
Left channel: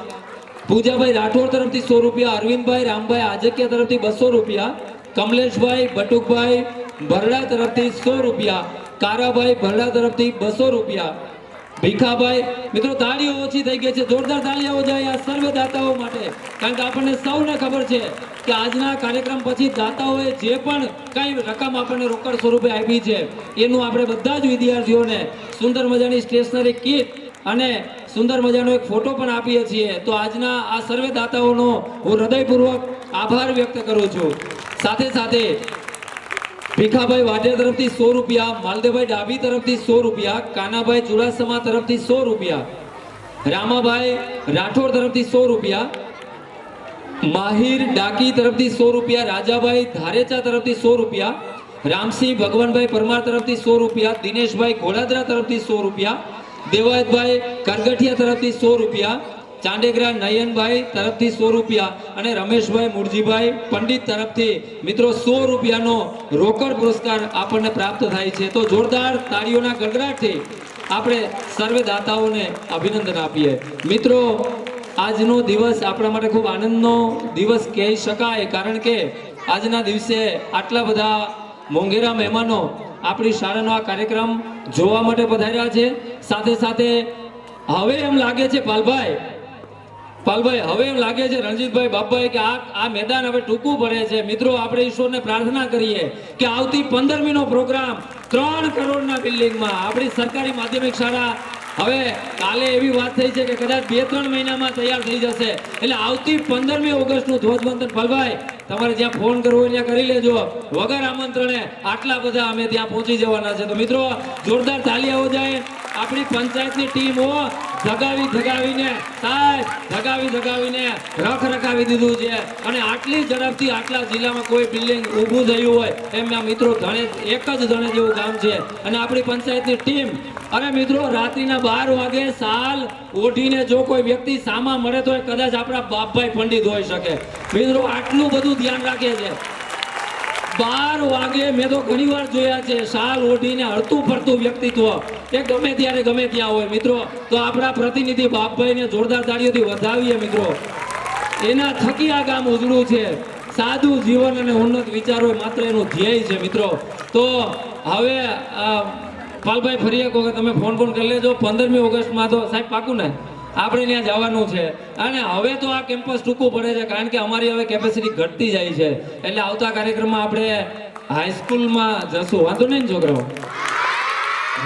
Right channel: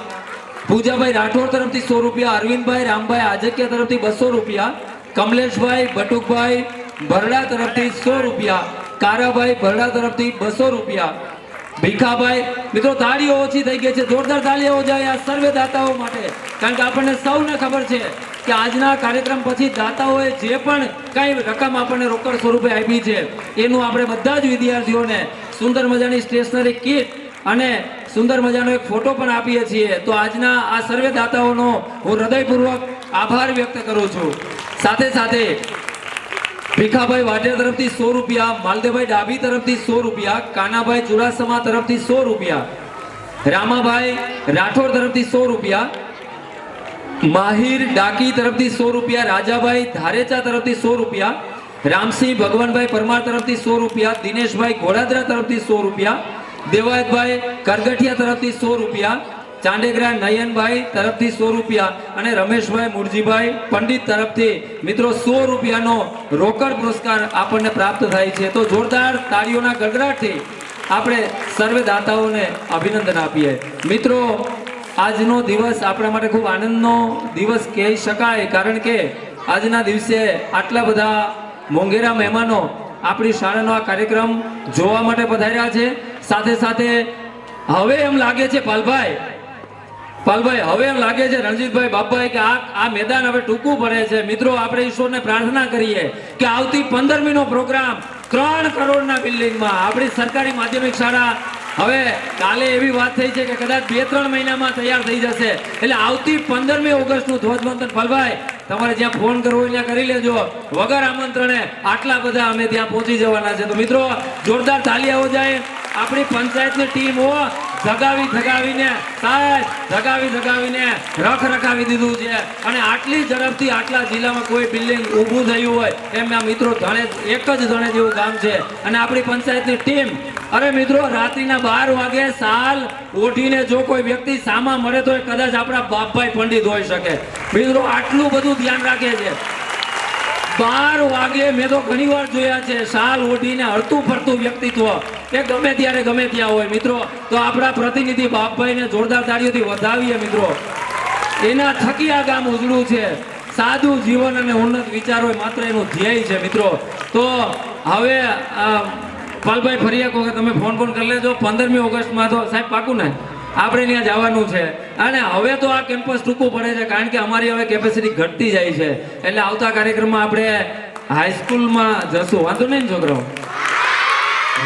પૂજાભાઈ રાઠોડ તરફથી 100 રૂપિયા, અરવિંદભાઈ રામભાઈ આજકિયા તરફથી 200 રૂપિયા, કમલેશભાઈ બટુકભાઈ ભરડા તરફથી 100 રૂપિયા, કારાભાઈ ભરડા તરફથી 200 રૂપિયા, ભીખાભાઈ. મિત્રો, તાળીઓ ઓછી થઈ ગઈ છે, જોરદાર તાળીઓ જાય આ સર્વે દાતાઓ માટે, કારણ કે આપણને સૌને ખબર છે કે આજના કાર્યક્રમ પછી દાતાઓએ જે પણ કઈ રકમ આપણને રોકડ સ્વરૂપે આપી છે એનું આપણે બધા જ વિદ્યાર્થીઓને સુંદર મજાની સ્ટેશનરી કીટ અને સુંદર મજાનો એક ફોટો પણ આપીએ છીએ. તો આજના આ સર્વે દાતાઓનો હું હૃદયપૂર્વક આભાર વ્યક્ત કરું છું. સાથે સાથે ભીખાભાઈ વાઢેર તરફથી 100 રૂપિયા, માલદેવભાઈ ડાભી તરફથી 100 રૂપિયા, કાનાભાઈ ચુડાસમા તરફથી 100 રૂપિયા, રામાભાઈ રાઠોડ તરફથી 100 રૂપિયા, માહિર ડાકી તરફથી 100 રૂપિયા, રાજાભાઈ ધારેચા તરફથી 100 રૂપિયા, રામસિંહ ભગવાનભાઈ પરમાર તરફથી 100 રૂપિયા, દિનેશભાઈ ઘોડાદરા તરફથી 100 રૂપિયા, દેવાયતભાઈ કરગઠિયા તરફથી 100 રૂપિયા, ચાંડેગરા નયનભાઈ તરફથી 100 રૂપિયા અને રમેશભાઈ મુરજીભાઈ પંડિત તરફથી મિત્રો 100 રૂપિયાનો રોકડ પુરસ્કાર આપણને પ્રાપ્ત થાય છે. તો જોરદાર તાળીઓના ગડગડાટથી આપણે સર્વે દાતાઓને અભિનંદન આપીએ. મિત્રો, આજનો દિવસ આપણા માટે ખૂબ આનંદનો દિવસ કહી શકાય, કારણ કે આજના દિવસે આટલા બધા મોંઘેરા મહેમાનો આપણી શાળાનો આ કાર્યક્રમ જોવા માટે પધાર્યા છે. સાથે સાથે હવે એમ લાગે છે પાલભાઈ, હવે એમ લાગે છે રણજીતભાઈ બાપભાઈ કે આ મેદાન હવે ટૂંકું પડે છે. મિત્રો, આપણે ઈશ્વરને પ્રાર્થના કરીએ કે આવતી 15મીનો પ્રોગ્રામ 3 કરોડના બિલ્ડિંગમાં આપણી સરકારી માધ્યમિક શાળા હવે કાલે એવી વાત થઈ છે કે કદાચ 2-3 મહિનામાં તૈયાર થઈ જશે. એટલે આવતી 15મી ઓગસ્ટનું ધ્વજવંદન પાલભાઈ તમારે જ્યાં ફોન કરવો હોય ત્યાં કરી લેજો. વગર આમંત્રણે આટલા બધા અમે ત્યાં પહોંચી જવાના છે. તો મિત્રો, જોરદાર તાળીઓ જાય. આપણી પંચાયતની ટીમ ધગાવીને રખ રખાવી દીધું છે અને આટલી ઝડપથી આટલા જિલ્લામાં કોઈ બિલ્ડિંગ ઊભું થયું હોય એમના મિત્રો ધણેજ એક જ ધણેજ જેવું ગામ છે અને આપણી પંચાયતની ટીમ, અરે મિત્રો, રાત્રિના 12 વાગે સાલ ઓઢીને જો કોઈ વ્યક્તિ સામા મળે તો એ કદાચ આપણા બાપભાઈ પંડિત હોઈ શકે. મિત્રો, આટલું બધું ધ્યાન રાખે છે. 12 વાગે મેં તો ઘણી વાર જોયા છે શાલ ઓઢીને હરતું ફરતું વ્યક્તિત્વ એ ગમે ત્યારે ગમે ત્યાં હોય. મિત્રો, તો આપણા પ્રતિનિધિ બાપભાઈને જોરદાર તાળીઓથી વધાવીએ. મિત્રો, એના થકી આ ગામ ઉજળું છે. સાદું જીવન અને ઉન્નત વિચારો માત્ર એનું ધ્યેય છે. મિત્રો, તો હવે પાલભાઈ ફરી એક વખત તમે ફોન કરી લેજો. 15મી ઓગસ્ટમાં તો સાહેબ પાકું ને આપણે ત્યાં જવાનું છે. અને હવે તો આ કેમ્પસ ટૂંકું પડે છે, કારણ કે અમારી હવે કેપેસિટી ઘટતી જાય છે. એટલે આવતા કાર્યક્રમમાં આપણે હાઈસ્કૂલમાં જશું. વાંધો નહીં છોકરાઓ?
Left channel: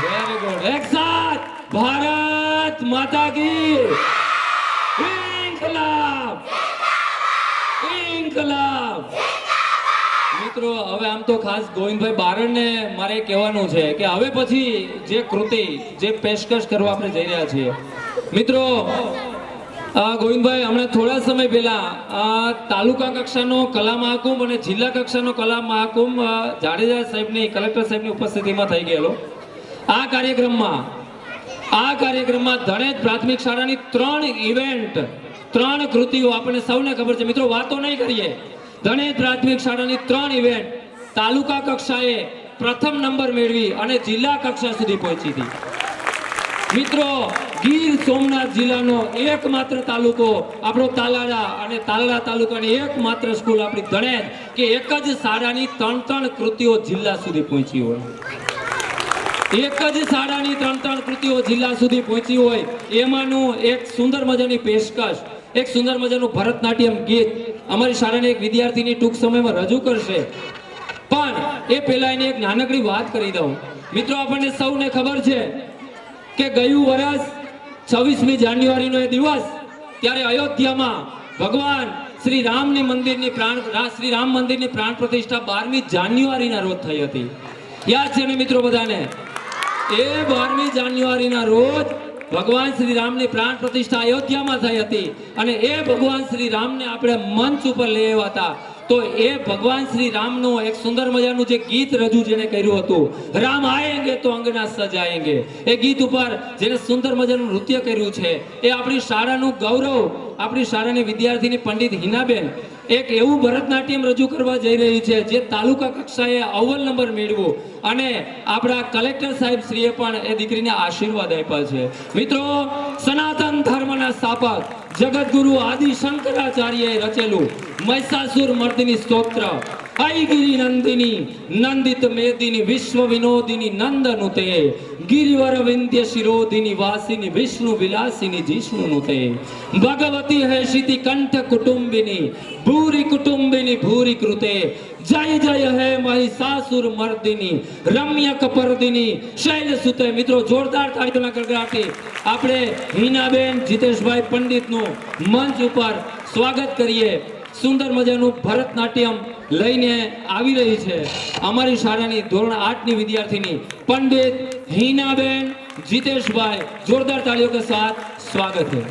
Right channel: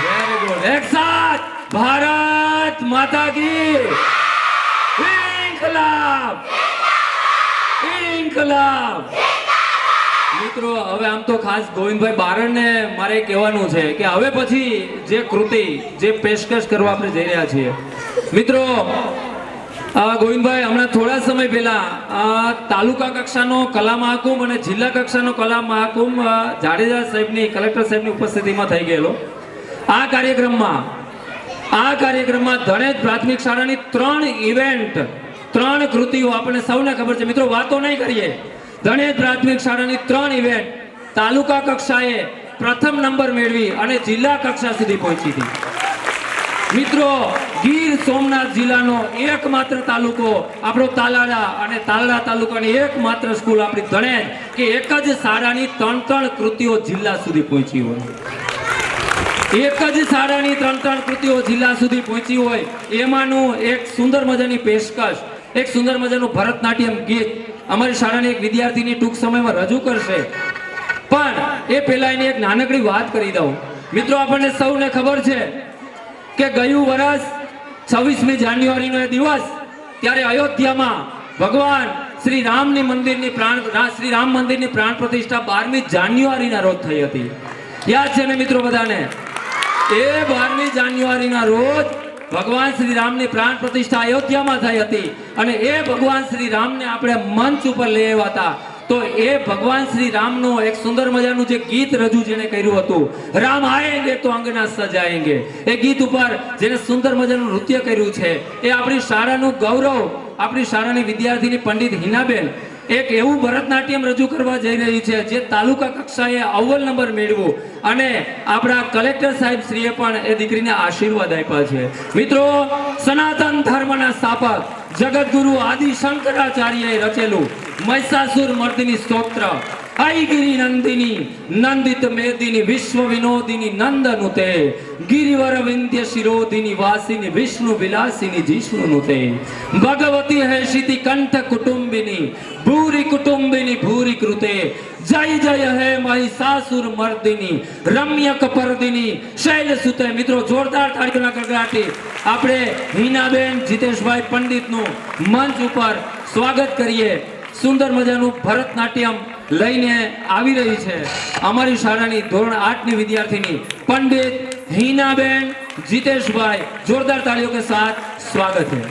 Very good. એક સાથ ભારત માતા કી ઇન્કલાબ, ઇન્કલાબ. મિત્રો, હવે આમ તો ખાસ ગોવિંદભાઈ બારડને મારે કહેવાનું છે કે હવે પછી જે કૃતિ, જે પેશકશ કરવા આપણે જઈ રહ્યા છીએ મિત્રો, ગોવિંદભાઈ, હમણાં થોડા સમય પહેલા તાલુકા કક્ષાનો કલા મહાકુંભ અને જિલ્લા કક્ષાનો કલા મહાકુંભ જાડેજા સાહેબની, કલેક્ટર સાહેબની ઉપસ્થિતિમાં થઈ ગયેલો. આ કાર્યક્રમમાં ધણેજ પ્રાથમિક શાળાની 3 ઇવેન્ટ, 3 કૃતિઓ આપણને સૌને ખબર છે. મિત્રો, વાતો નહીં કરીએ. ધણેજ પ્રાથમિક શાળાની 3 ઇવેન્ટ તાલુકા કક્ષાએ પ્રથમ નંબર મેળવી અને જિલ્લા કક્ષા સુધી પહોંચી હતી. મિત્રો, ગીર સોમનાથ જિલ્લાનો એકમાત્ર તાલુકો આપણો તાલાળા, અને તાલાળા તાલુકાની એકમાત્ર સ્કૂલ આપણી ધણેજ કે એક જ શાળાની 3 કૃતિઓ જિલ્લા સુધી પહોંચી હોય. એક જ શાળાની 3 કૃતિઓ જિલ્લા સુધી પહોંચી હોય એમાંનું એક સુંદર મજાની પેશકશ, એક સુંદર મજાનું ભરતનાટ્યમ ગીત અમારી શાળાની એક વિદ્યાર્થીની ટૂંક સમયમાં રજૂ કરશે. પણ એ પહેલા એની એક નાનકડી વાત કરી દઉં. મિત્રો, આપણને સૌને ખબર છે કે ગયું વર્ષ 26મી જાન્યુઆરીનો એ દિવસ, ત્યારે અયોધ્યામાં ભગવાન શ્રી રામ મંદિરની પ્રાણ પ્રતિષ્ઠા 12મી જાન્યુઆરીના રોજ થઈ હતી. યાદ છે ને મિત્રો બધાને? એ 12મી જાન્યુઆરીના રોજ ભગવાન શ્રી રામની પ્રાણ પ્રતિષ્ઠા અયોધ્યામાં થઈ હતી. અને એ ભગવાન શ્રી રામને આપણે મંચ ઉપર લઈ આવ્યા હતા. તો એ ભગવાન શ્રી રામનું એક સુંદર મજાનું જે ગીત રજૂ જેને કર્યું હતું, રામ આએંગે તો અંગના સજાએંગે, એ ગીત ઉપર જેને સુંદર મજાનું નૃત્ય કર્યું છે, એ આપણી શાળાનું ગૌરવ, આપણી શાળાની વિદ્યાર્થીની પંડિત હિનાબેન એક એવું ભરતનાટ્યમ રજૂ કરવા જઈ રહી છે જે તાલુકા કક્ષાએ અવ્વલ નંબર મેળવ્યું. અને આપણા કલેક્ટર સાહેબ શ્રીએ પણ એ દીકરીને આશીર્વાદ આપ્યા છે. મિત્રો, સનાતન ધર્મના સ્થાપક જગતગુરુ આદિ શંકરાચાર્યએ રચેલું મહિષાસુર મર્દિની સ્તોત્ર, ऐगिरी नंदिनी नंदित मेदिनी विश्व विनोदिनी नंदनुते गिरिवर विंध्य शिरोदिनी वासिनी विष्णु विलासिनी जिष्णुनुते भगवती है शिति कंठ कुटुंबिनी भूरि कुटुंबिनी भूरि कृते जय जय है महिषासुर मर्दिनी रम्य कपर्दिनी शैल सुते. મિત્રો જોરદાર તાળીઓના ગડગડાટી આપણે હિનાબેન જીતેશભાઈ પંડિતનું મંચ ઉપર સ્વાગત કરીએ. સુંદર મજાનું ભરતનાટ્યમ લઈને આવી રહી છે અમારી શાળાની ધોરણ 8 ની વિદ્યાર્થીની પંડિત હિનાબેન જીતેશભાઈ. જોરદાર તાળીઓ કે સાથ સ્વાગત है.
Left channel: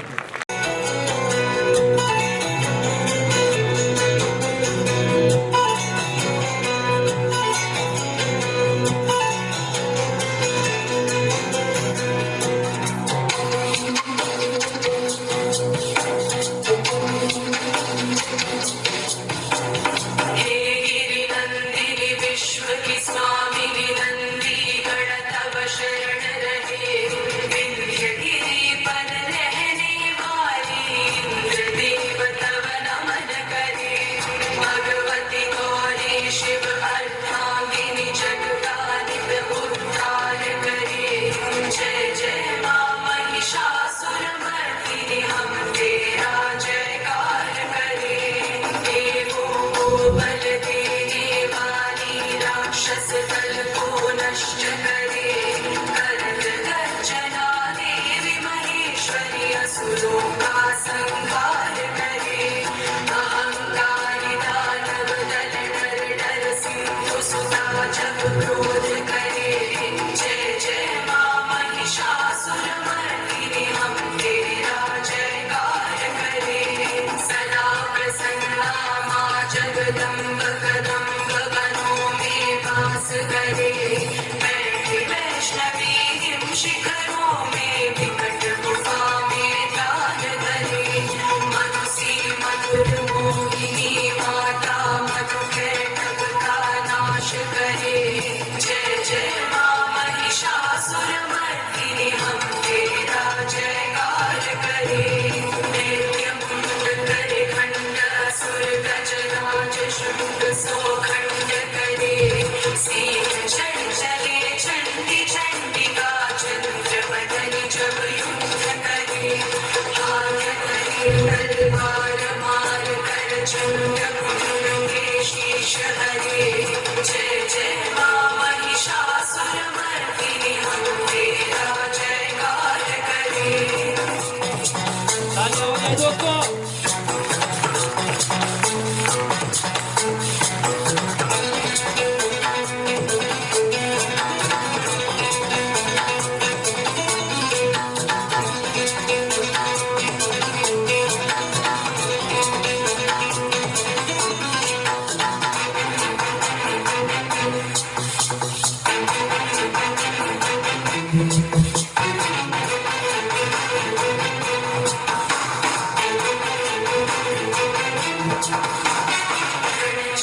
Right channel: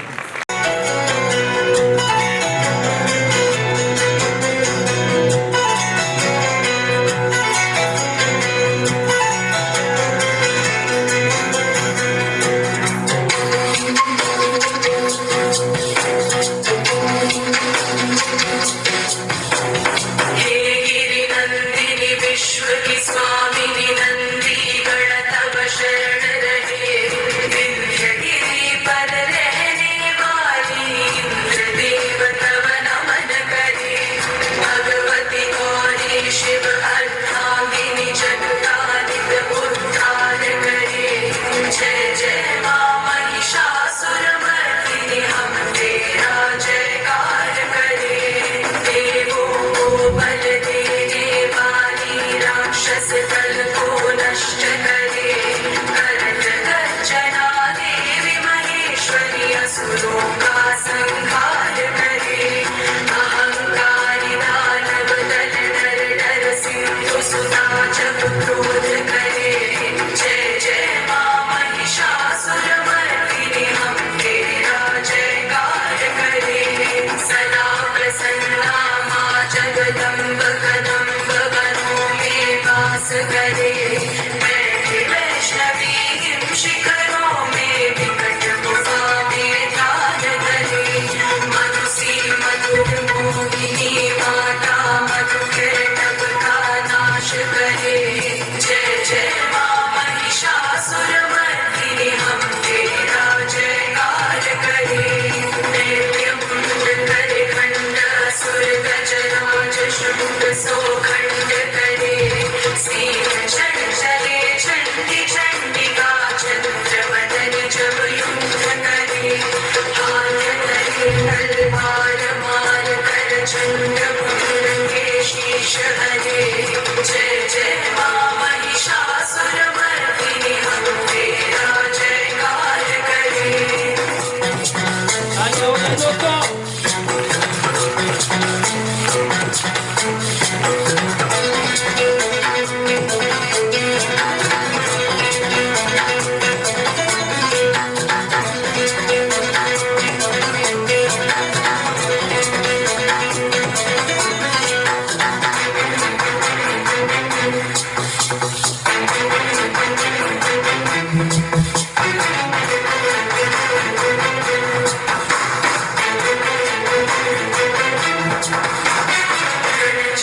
चंडी चंडिका चंद्र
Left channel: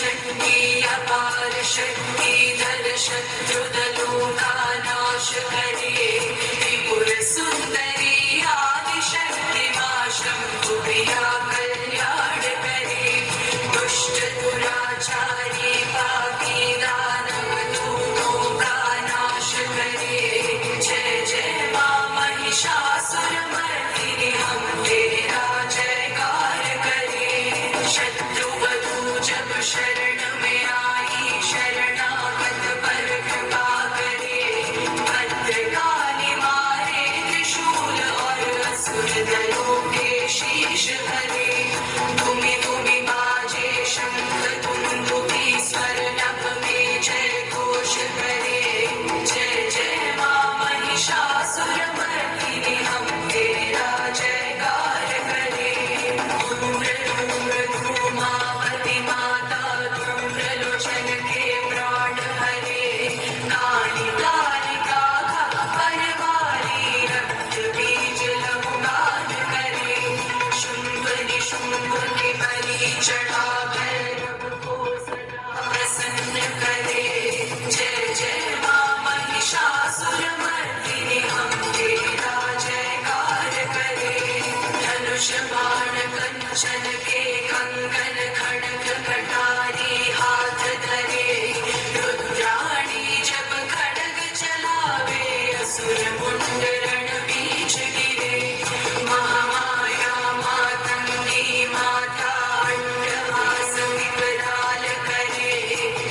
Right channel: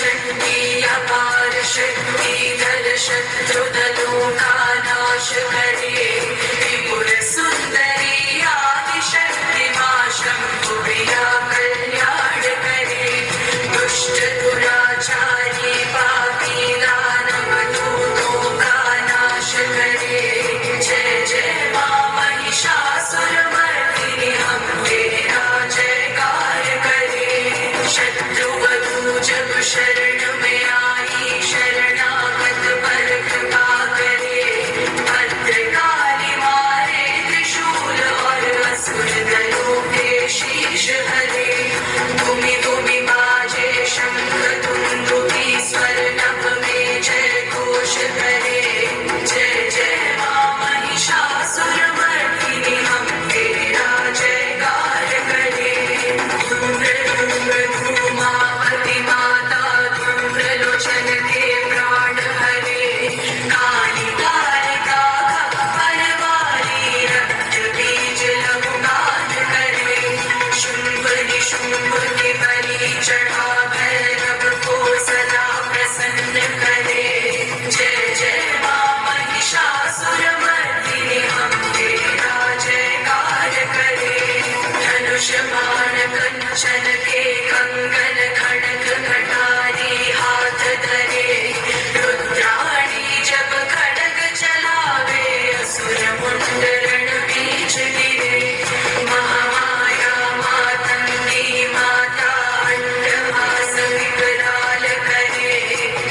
शक्ति अपार शक्ति धर शत्रुदलों का नाश करे त्रिपुर सुंदरी आदिशक्ति मां शंभु प्रिया कल्याण करे दुष्ट दुराचारी पापी दानव दूतों का नाश करे जय जय मां महिषासुरमर्दिनी हम तेरा जयकार करे शत्रुवधू जब शरण में आई शरणागत पर कृपा करे भद्रकाली मारे त्रिशूल और असुर दलों के शीश हरे तुम्हें तुम्हें बाजे शंख दुंदुभी स्वर नभ में जय घोष करे जय जय मां महिषासुरमर्दिनी हम तेरा जयकार करे धूमावती माता धूम्रलोचन के प्राण हरे काली कालिका खप्पर वाली रक्त बीज लघुमान करे शुंभ निशुंभ के बलि चढ़ा भैरव को सदा प्रसन्न करे जय जय मां महिषासुरमर्दिनी हम तेरा जयकार करे धनुष बाण कंचन के कंगन खड़ग कटारी हाथ धरे रुद्राणी जब खड़ग चलावे असुर मुंडरण बीच गिरे महामाया मातंगी माता अंडभास विकराल करे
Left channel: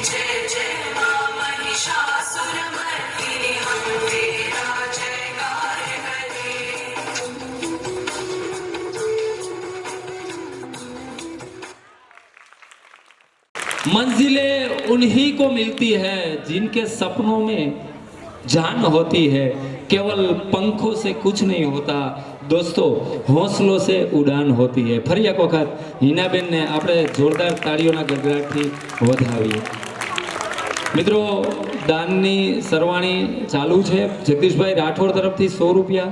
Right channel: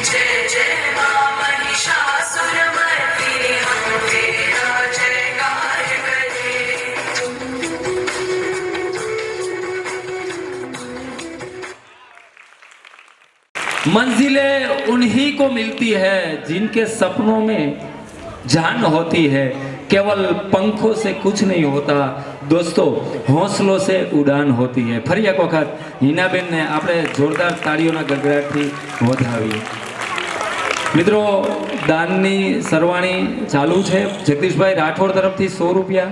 जय जय मां महिषासुरमर्दिनी हम तेरा जयकार करे मंजिलें उन्हीं को मिलती है जिनके सपनों में जान होती है केवल पंखों से कुछ नहीं होता दोस्तों हौसलों से उड़ान होती है ફરી એક વખત હિનાબેનને આપણે જોરદાર તાળીઓના ગગડાટથી વધાવીએ મિત્રો દાનની સરવાણી ચાલુ છે જગદીશભાઈ રાઠોડ તરફથી 100 રૂપિયા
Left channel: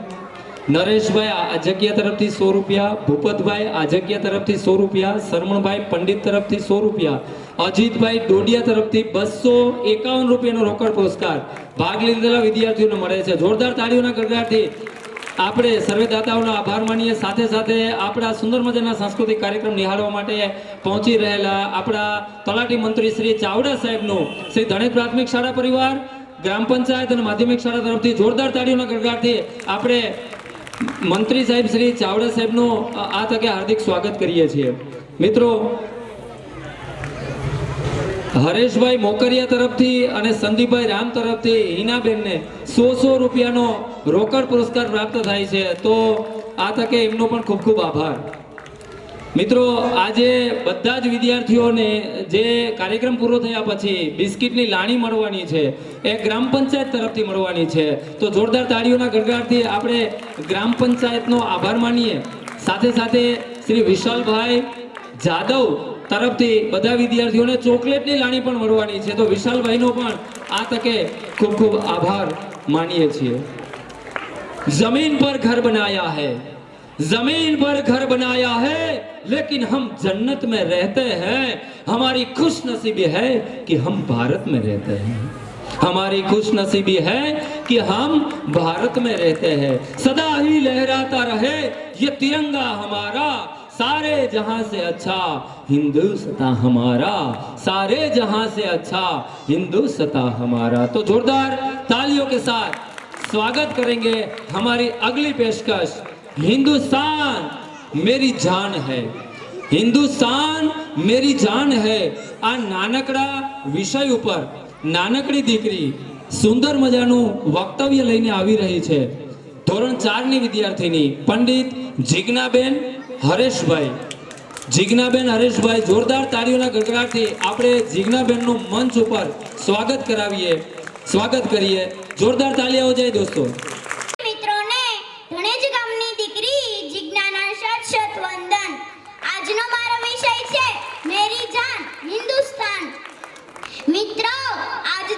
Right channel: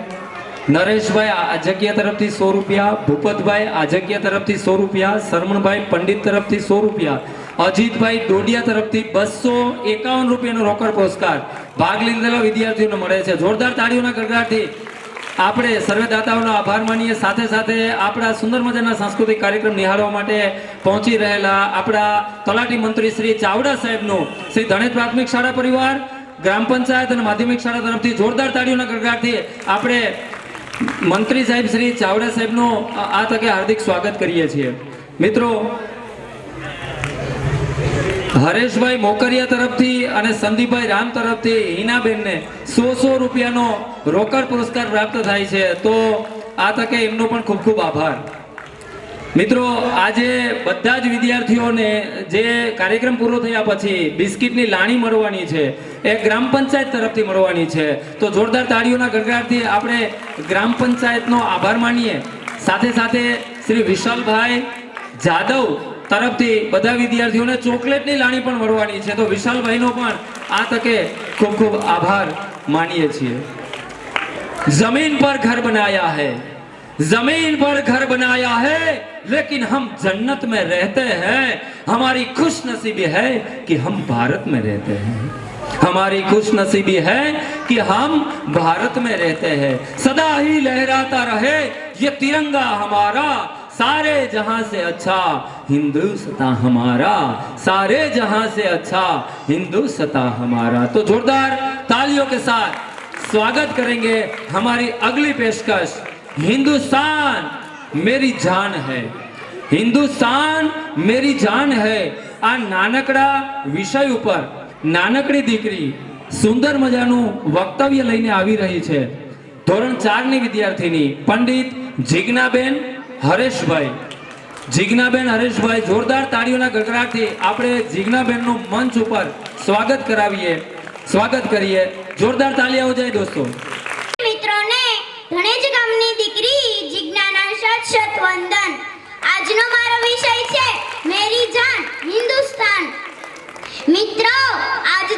નરેશભાઈ આજગિયા તરફથી 100 રૂપિયા ભૂપતભાઈ આજગિયા તરફથી 100 રૂપિયા શરમણભાઈ પંડિત તરફથી 100 રૂપિયા અજીતભાઈ ડોડિયા તરફથી 251 રૂપિયાનો રોકડ પુરસ્કાર ભાગ લીધેલા વિદ્યાર્થીઓને મળે છે જોરદાર તાળીઓના ગગડાટથી આપણે સર્વે દાતાઓનો આભાર માનીએ સાથે સાથે આપણા સુંદર મજાના સાંસ્કૃતિક કાર્યક્રમ નિહાળવા માટે પહોંચી રહેલા આપણા તલાટી મંત્રી શ્રી ચાવડા સાહેબનું શ્રી ધણેજ પ્રાથમિક શાળા પરિવાર ગ્રામ પંચાયત અને માધ્યમિક શાળા તરફથી જોરદાર તાળીઓના ગગડાટથી આપણે મંત્રી સાહેબ શ્રી ચાવડા સાહેબનું આ તકે હાર્દિક સ્વાગત કરીએ છીએ મિત્રો હરેશભાઈ મોકરિયા તરફથી અને સંદીપભાઈ રામ તરફથી હિનાબેનને 100 રૂપિયાનો રોકડ પુરસ્કાર પ્રાપ્ત થાય છે તો આ તકે એમનો પણ ખૂબ ખૂબ આભાર મિત્રો આજે બધા જ વિદ્યાર્થીઓને જે કાર્યક્રમ પૂરો થયા પછી બિસ્કિટની લાણી મળવાની છે એ ગ્રામ પંચાયત તરફથી મળવાની છે તો જોરદાર તાળીઓના ગગડાટથી આપણે ગ્રામ પંચાયતનો આભાર માનીએ સાથે સાથે શ્રી વિશાલભાઈ જાદવ તરફથી બધા વિદ્યાર્થીઓને ચોકલેટની લાણી પણ મળવાની છે તો વિશાલભાઈનો પણ આ તકે ખૂબ ખૂબ આભાર માનીએ છીએ जमीन पर घर बनाया है जमीन पर घर बनाया है लेकिन हम जन्नत में रहते हैं हमारी खुशनसीबी है कि हम भारत में रहते हैं हमारी खुशनसीबी है कि हम भारत में रहते हैं सदा ही लहराता रहे ये तिरंगा हमारा सारे जहां से अच्छा हिंदुस्तान हमारा सारे जहां से अच्छा हिंदुस्तान हमारा तो जोरदार तालियों के साथ स्वागत करेंगे हमारी अगली पेशकश हिंदुस्तान मेरी जान है हिंदुस्तान मेरी जान है आ नानकड़ा विषय ऊपर नानकड़ी दीकरी सुंदर मजाનું વક્તવ્ય લઈને આવી રહી છે ધોરણ 4 ની વિદ્યાર્થીની પંડિત જીજ્ઞાબેન હરેશભાઈ જોરદાર તાળીઓના ગગડાટથી આપણે જીજ્ઞાબેનનું મંચ ઉપર સ્વાગત કરીએ જોરદાર તાળી આવો જાય દોસ્તો મિત્રોને ધણેજ ગામની દીકરી જિજ્ઞાના શત વંદન આજનો મારો વિષય છે મેરી જાન હિન્દુસ્તાન મિત્રો આજ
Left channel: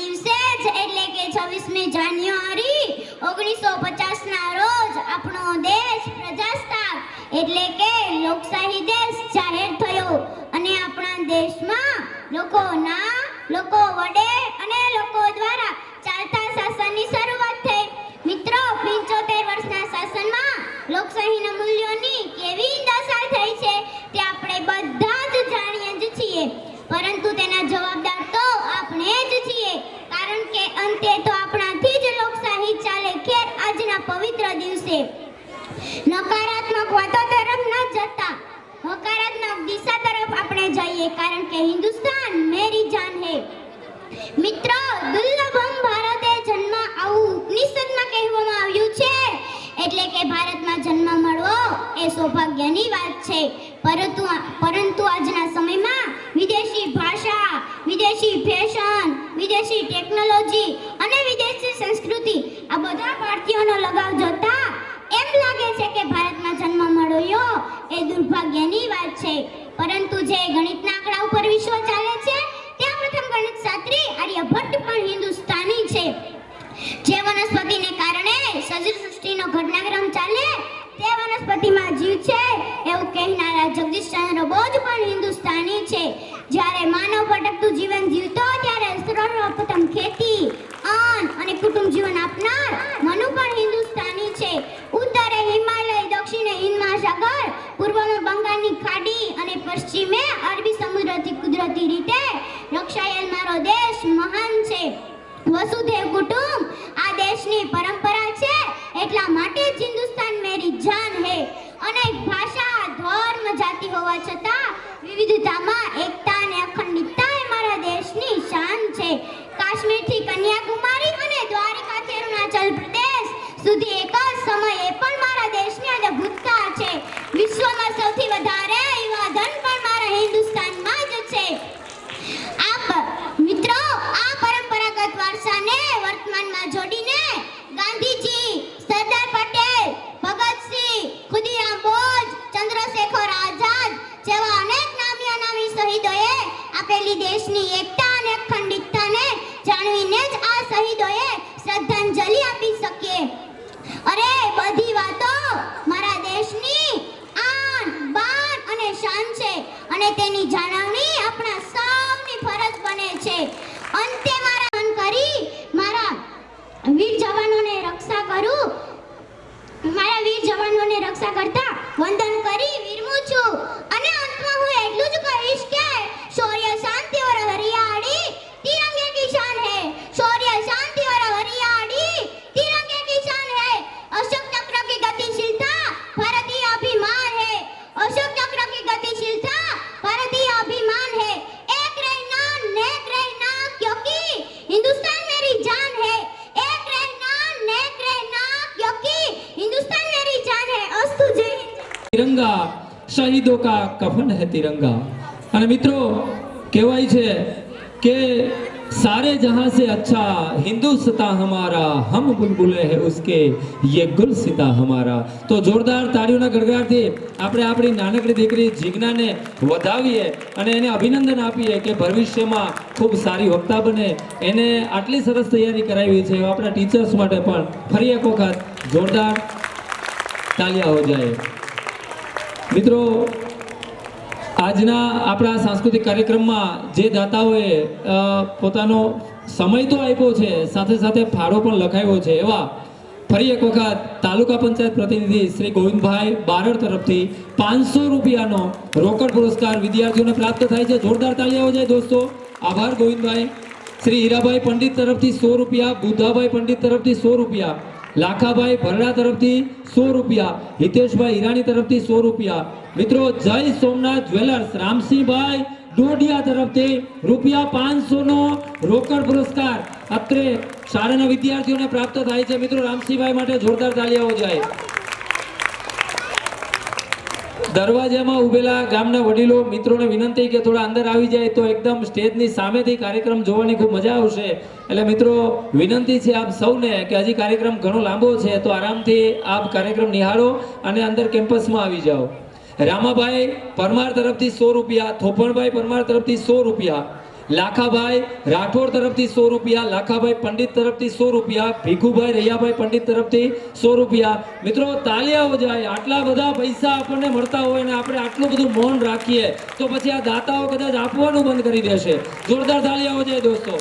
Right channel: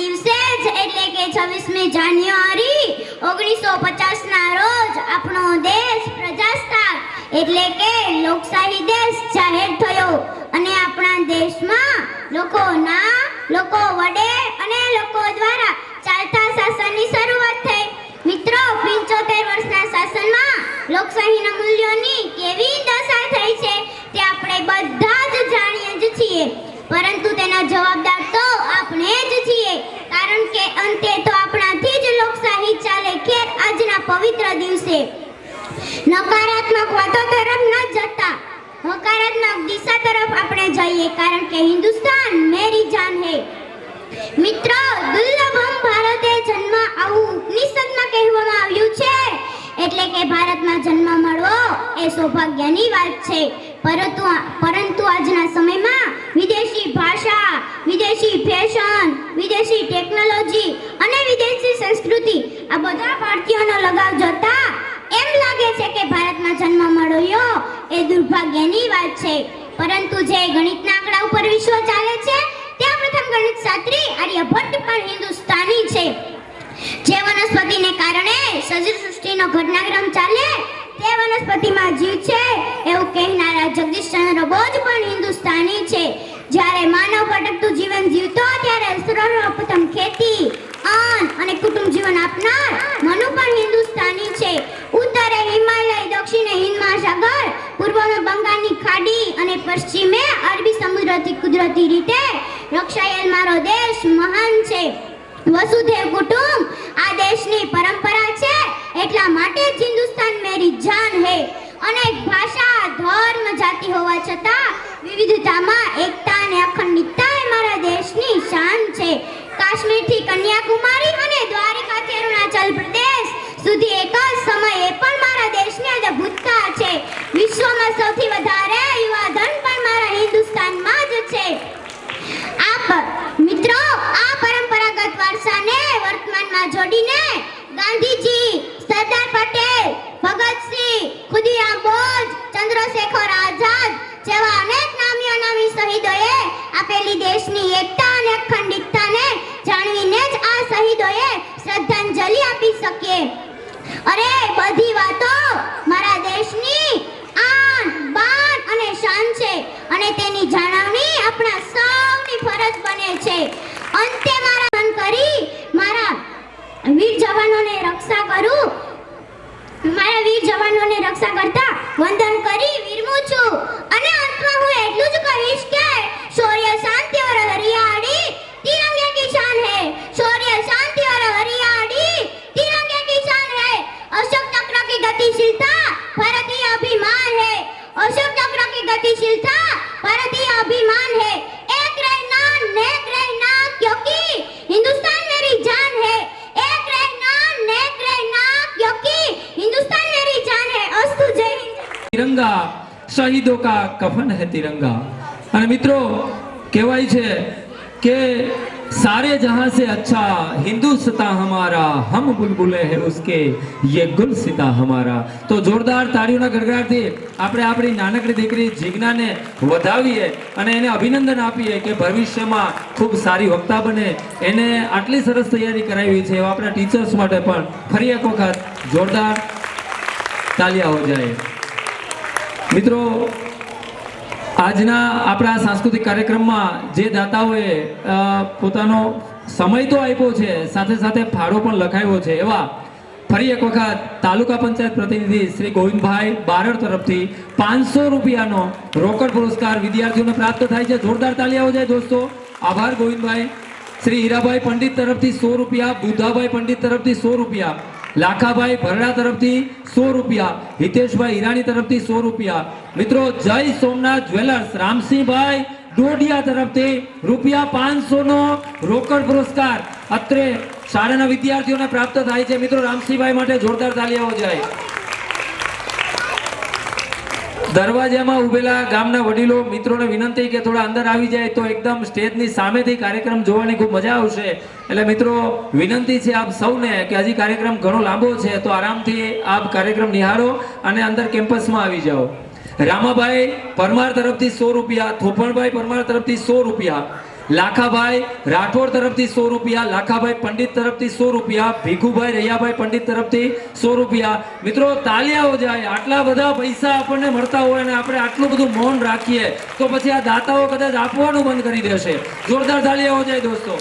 દિવસે જ એટલે કે 26મી જાન્યુઆરી 1950 ના રોજ આપણો દેશ પ્રજાસત્તાક એટલે કે લોકશાહી દેશ જાહેર થયો અને આપણા દેશમાં લોકોના લોકો વડે અને લોકો દ્વારા ચાલતા શાસનની શરૂઆત થઈ. મિત્રો, 75 વર્ષના શાસનમાં લોકશાહીના મૂલ્યોની કેવી દશા થઈ છે તે આપણે બધા જ જાણીએ જ છીએ, પરંતુ તેના જવાબદાર તો આપણે જ છીએ, કારણ કે અંતે તો આપણાથી જ લોકશાહી ચાલે. ખેર આજના પવિત્ર દિવસે નકારાત્મક વાતો તરફ ન જતા હકારાત્મક દિશા તરફ આપણે જઈએ, કારણ કે હિન્દુસ્તાન મેરી જાન હે. મિત્રો, દુર્લભમ ભારતે જન્મ આવું ઉપનિષદમાં કહેવામાં આવ્યું છે, એટલે કે ભારતમાં જન્મ મળવો એ સૌભાગ્યની વાત છે. પરંતુ આજના સમયમાં વિદેશી ભાષા, વિદેશી ફેશન, વિદેશી ટેકનોલોજી અને વિદેશી સંસ્કૃતિ આ બધા ભારતીયોનો લગાવ જોતા એમ લાગે છે કે ભારતમાં જન્મ મળ્યો એ દુર્ભાગ્યની વાત છે. પરંતુ જે ગણિતના આંકડા ઉપર વિશ્વ ચાલે છે ત્યાં પ્રથમ ગણિત શાસ્ત્રી આર્યભટ્ટ પણ હિન્દુસ્તાની છે. જે વનસ્પતિને કારણે સજીવ સૃષ્ટિનો ઘટનાક્રમ ચાલે તે વનસ્પતિમાં જીવ છે એવું કહેનારા જગદીશચંદ્ર બોઝ પણ હિન્દુસ્તાની છે. જ્યારે માનવ ભટકતું જીવન જીવતો ત્યારે સર્વપ્રથમ ખેતી, અન્ન અને કુટુંબ જીવન આપનાર મનુ પણ હિન્દુસ્તાની છે. ઉત્તરે હિમાલય, દક્ષિણે હિંદ મહાસાગર, પૂર્વમાં બંગાળની ખાડી અને પશ્ચિમે અરબી સમુદ્રથી કુદરતી રીતે રક્ષાયેલ મારો દેશ મહાન છે. વસુધૈવ કુટુંબ આ દેશની પરંપરા છે, એટલા માટે જ હિન્દુસ્તાન મેરી જાન હે. અનેક ભાષા, ધર્મ, જાતિ હોવા છતાં વિવિધતામાં એકતા અને અખંડિતતા એ મારા દેશની શાન છે. કાશ્મીરથી કન્યાકુમારી અને દ્વારકાથી અરુણાચલ પ્રદેશ સુધી એક જ સમયે પણ મારા દેશની અદ્ભુતતા છે. વિશ્વમાં સૌથી વધારે યુવાધન પણ મારા હિન્દુસ્તાનમાં જ છે. મિત્રો, આ પરંપરાગત વારસાને વર્તમાનમાં જોડીને ગાંધીજી, સરદાર પટેલ, ભગતસિંહ, ખુદીરામ બોઝ, ચંદ્રશેખર આઝાદ જેવા અનેક નામી અનામી શહીદોએ આપેલી દેશની એકતા અને અખંડિતતાને જાણવીને જ આ શહીદોએ શ્રદ્ધાંજલિ આપી શકીએ. અરે, બધી વાતો મારા દેશની આન, બાન અને શાન છે અને તેની જાળવણી આપણા સૌની ફરજ બને છે. અંતે મારા મન કરી મારા વીર જવાનોને રક્ષા કરતા વંદન કરી વિરમું છું અને અંતમાં હું એટલું જ કહીશ કે શૌર્ય, શાંતિ और हरियाली तिरंगे की शान है. शौर्य, शांति और हरियाली तिरंगे की शान है. अशोक चक्र की गतिशीलता भारतीय अभिमान है. अशोक चक्र की गतिशीलता भारतीय अभिमान है. एक रहना नेक रहना, क्योंकि हिंदुस्तान मेरी जान है. एक रहना नेक रहना, क्योंकि हिंदुस्तान मेरी जान है. अस्तु, जय हिंद. तिरंगा शहीदों का कफन है तिरंगा. અને મિત્રો, કહેવાય છે કે सारे जहां से अच्छा हिंदुस्तान हमारा, हम बुलबुले हैं उसके, ये गुलसिता हमारा. તો જોરદાર તાળીઓના ગડગડાટથી આપણે આપણી નાનકડી દીકરી જીજ્ઞાને વધાવીએ અને એને અભિનંદન આપીએ કે ભવિષ્યમાં ખૂબ સારી વક્તા બને. એને આટલી સરસ તૈયારી કરાવી છે એવા આપણા ટીચર્સ માટે પણ ફરી એક વખત જોરદાર તાલિયા હો જાય. મિત્રો, આજના આપણા સાંસ્કૃતિક કાર્યક્રમમાં જે દાતાઓએ પોતાનો સમય તો આપ્યો છે, સાથે સાથે ફાળો પણ લખાવ્યો છે, એવા ફરી એક વખત તાલુકા પંચાયત પ્રતિનિધિ શ્રી ગોવિંદભાઈ બારડ તરફથી 500 રૂપિયાનો રોકડ પુરસ્કાર વિદ્યાર્થીઓને પ્રાપ્ત થાય છે. જોરદાર તાળીઓ જાય દોસ્તો. આભાર ગોવિંદભાઈ. શ્રી હીરાભાઈ પંડિત તરફથી 100 રૂપિયા, બુધાભાઈ પંડિત તરફથી 100 રૂપિયા, લાખાભાઈ ભરડા તરફથી 100 રૂપિયા, હિતેશભાઈ હિરાણી તરફથી 100 રૂપિયા. મિત્રો, જય સોમનાથ જ્વેલર્સ રામસિંહભાઈ ડોડિયા તરફથી ₹500 નો રોકડ પુરસ્કાર અત્રે શાળાના વિદ્યાર્થીઓને પ્રાપ્ત થાય છે. મિત્રો, રામસિંહભાઈ માટે જોરદાર તાળીઓ જાય. દરવાજામાં ઉભેલા ગામના વડીલો મિત્રોને વિનંતી કે થોડા અંદર આવી જાય તો એકદમ સ્ટેજની સામેથી કાર્યક્રમ જોવાની ખૂબ મજા આવશે. એટલે મિત્રો, વિનંતી છે આપ સૌને કે હજી કાર્યક્રમ ઘણો લાંબો છે, તો આરામથી આપ કાર્યક્રમ નિહાળો અને અંદર કેમ્પસમાં આવી જાઓ. રામાભાઈ પરમાર તરફથી 100 રૂપિયા, થોપણભાઈ પરમાર તરફથી 100 રૂપિયા, લાખાભાઈ રાઠોડ તરફથી 100 રૂપિયા, લાખાભાઈ પંડિત તરફથી 100 રૂપિયા, ભીખુભાઈ રૈયાભાઈ પંડિત તરફથી 100 રૂપિયા. મિત્રો તાલિયાઓ જાય. આટલા બધા પૈસા આપણને મળતા હોય અને આપણે આટલું બધું મૌન રાખીએ તો પછી આ દાતાઓ કદાચ આપવાનું બંધ કરી દેશે. જોરદાર તાલિયાઓ જાય દોસ્તો.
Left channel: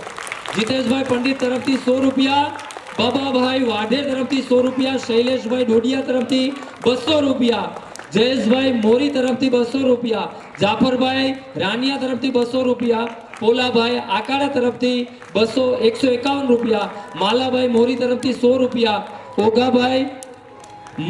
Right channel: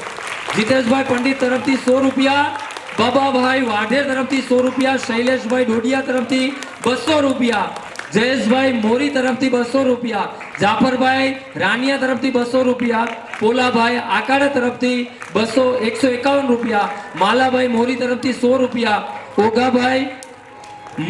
જીતેશભાઈ પંડિત તરફથી 100 રૂપિયા, બાબાભાઈ વાઢે તરફથી 100 રૂપિયા, શૈલેષભાઈ ડોડિયા તરફથી 200 રૂપિયા, જયેશભાઈ મોરી તરફથી 200 રૂપિયા, જાફરભાઈ રાનિયા તરફથી 200 રૂપિયા, પોલાભાઈ આકાડા તરફથી 151 રૂપિયા, માલાભાઈ મોરી તરફથી 100 રૂપિયા, ઓગાભાઈ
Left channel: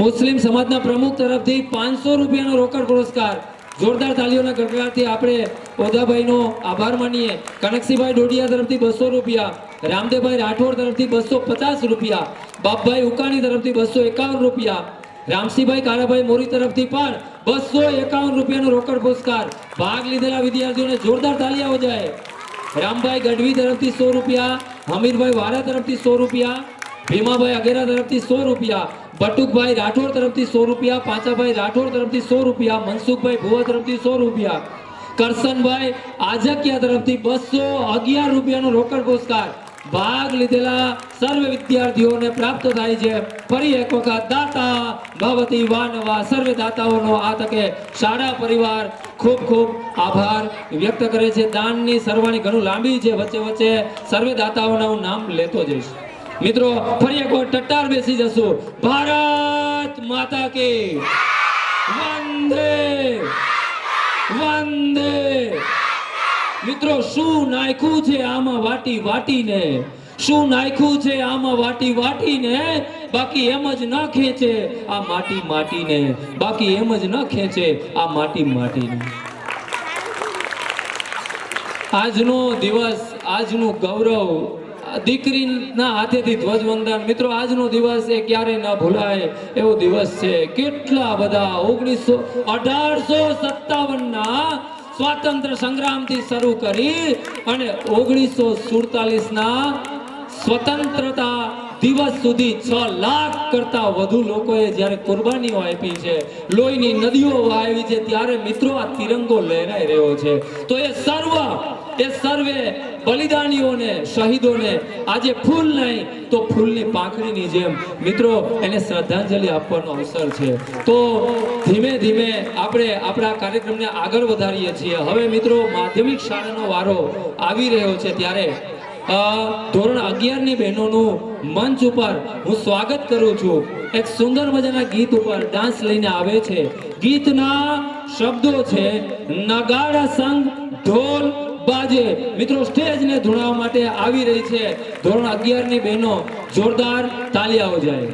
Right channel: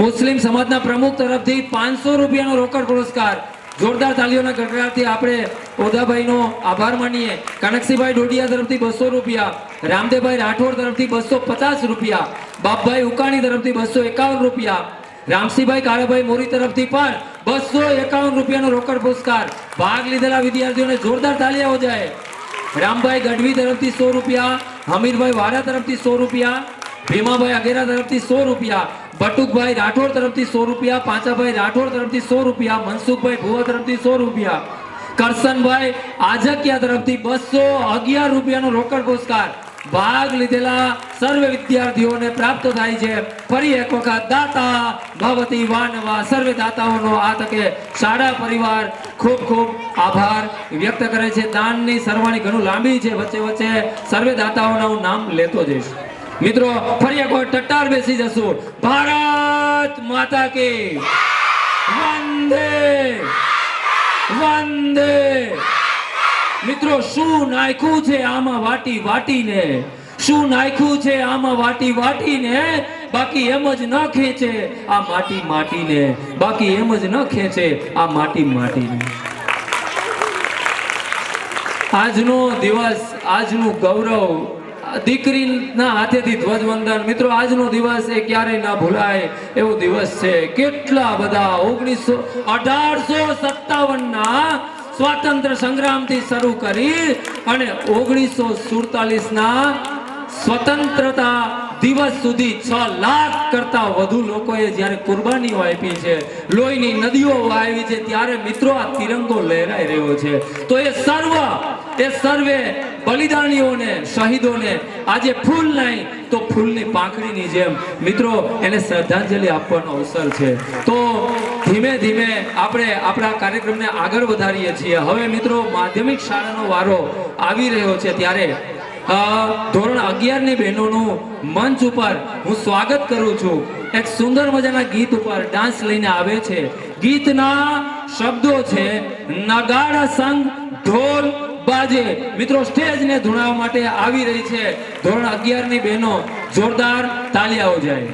મુસ્લિમ સમાજના પ્રમુખ તરફથી 500 રૂપિયાનો રોકડ પુરસ્કાર. જોરદાર તાલીઓના ગડગડાટથી આપણે ઓદાભાઈનો આભાર માનીએ. કનકસિંહભાઈ ડોડિયા તરફથી 200 રૂપિયા, રામદેવભાઈ રાઠોડ તરફથી 250 રૂપિયા, બાપભાઈ ઉકાણી તરફથી 251 રૂપિયા, રામસિંહભાઈ કાળાભાઈ મોરી તરફથી પણ 251 રૂપિયાનો રોકડ પુરસ્કાર. ભાગ લીધેલા વિદ્યાર્થીઓને જોરદાર તાળીઓ જાય. રામભાઈ ગઢવી તરફથી 100 રૂપિયા, હમીરભાઈ વારા તરફથી 100 રૂપિયા, ભીમાભાઈ અગેરા તરફથી 100 રૂપિયા, બટુકભાઈ રાઠોડ તરફથી 100 રૂપિયા, પાંચાભાઈ રાઠોડ તરફથી 100 રૂપિયા, મનસુખભાઈ ભુવા તરફથી 100 રૂપિયા, કરસનભાઈ આજકિયા તરફથી 211 રૂપિયાનો રોકડ પુરસ્કાર. ભાગ લીધેલા સર્વે વિદ્યાર્થીઓને પ્રાપ્ત થાય છે. ફરી એક વખત દાતા ભવતી વાનવા સર્વે દાતાઓનો આ તકે શાળા પરિવાર ખૂબ ખૂબ આભાર વ્યક્ત કરે છે. દાનની સરવાણી ઘણું લાંબી છે, વચ્ચે વચ્ચે સર્વે દાતાઓના હું નામ લેતો જઈશ. મિત્રો ફરી એક વખત ટટ્ટાર બેસી જશું. ભારત માતા કી વંદે વંદે. મિત્રો શું નાખ્યું છે આમાં વાટી વાટીને, શું નાખ્યું છે આમાં વાટી વાટીને, બાકી એમ જ ન ખેંચે આ માટી માટીને, બાકી એમ જ ન ખેંચે આ માટી માટીને. આજનો દિવસ, આજનું ગૌરવ, દીકરીના હાથેથી ધ્વજવંદન. મિત્રો આજનો દિવસ એ ક્યારેય ન ભૂલાય એવો દિવસ છે. કેટલા બધા 1857ના સ્વાતંત્ર્ય સંગ્રામથી શરૂ કરી અને 1947ના સ્વતંત્રતા દિવસ સુધી 6 લાખ કરતા વધુ લોકોએ જ્યારે કુરબાનીઓ આપી છે, લોહીની નદીઓ વહાવી છે, ત્યારે મિત્રો આ તિરંગો લહેરાઈ રહ્યો છે. તો એ સર્વે બલિદાનીઓને, શહીદોને આજે ફૂલ નહીં તો ફૂલની પાંખડીની જેમ મિત્રો એને શ્રદ્ધાંજલિ આપવાનો અવસર છે. તો ધીમે ધીમે આપણે આપણા કાર્યક્રમને આગળ વધારીએ છીએ. હવે મિત્રો માધ્યમિક શાળાનો વારો આવી રહ્યો છે, ત્યારે ધોરણ 11 ની બહેનોનું મંચ ઉપર હું સ્વાગત કરું છું. એક સુંદર મજાના ગીત ઉપર ડાન્સ લઈને આવે છે. ગીતના શબ્દો છે નગાડા સંગ ઢોલ બાજે. મિત્રો સ્ટેજને ધૂણાવવા માટે આવી રહી છે ધોરણ 11 ની બહેનો. જોરદાર તાલિયાઓ જાય.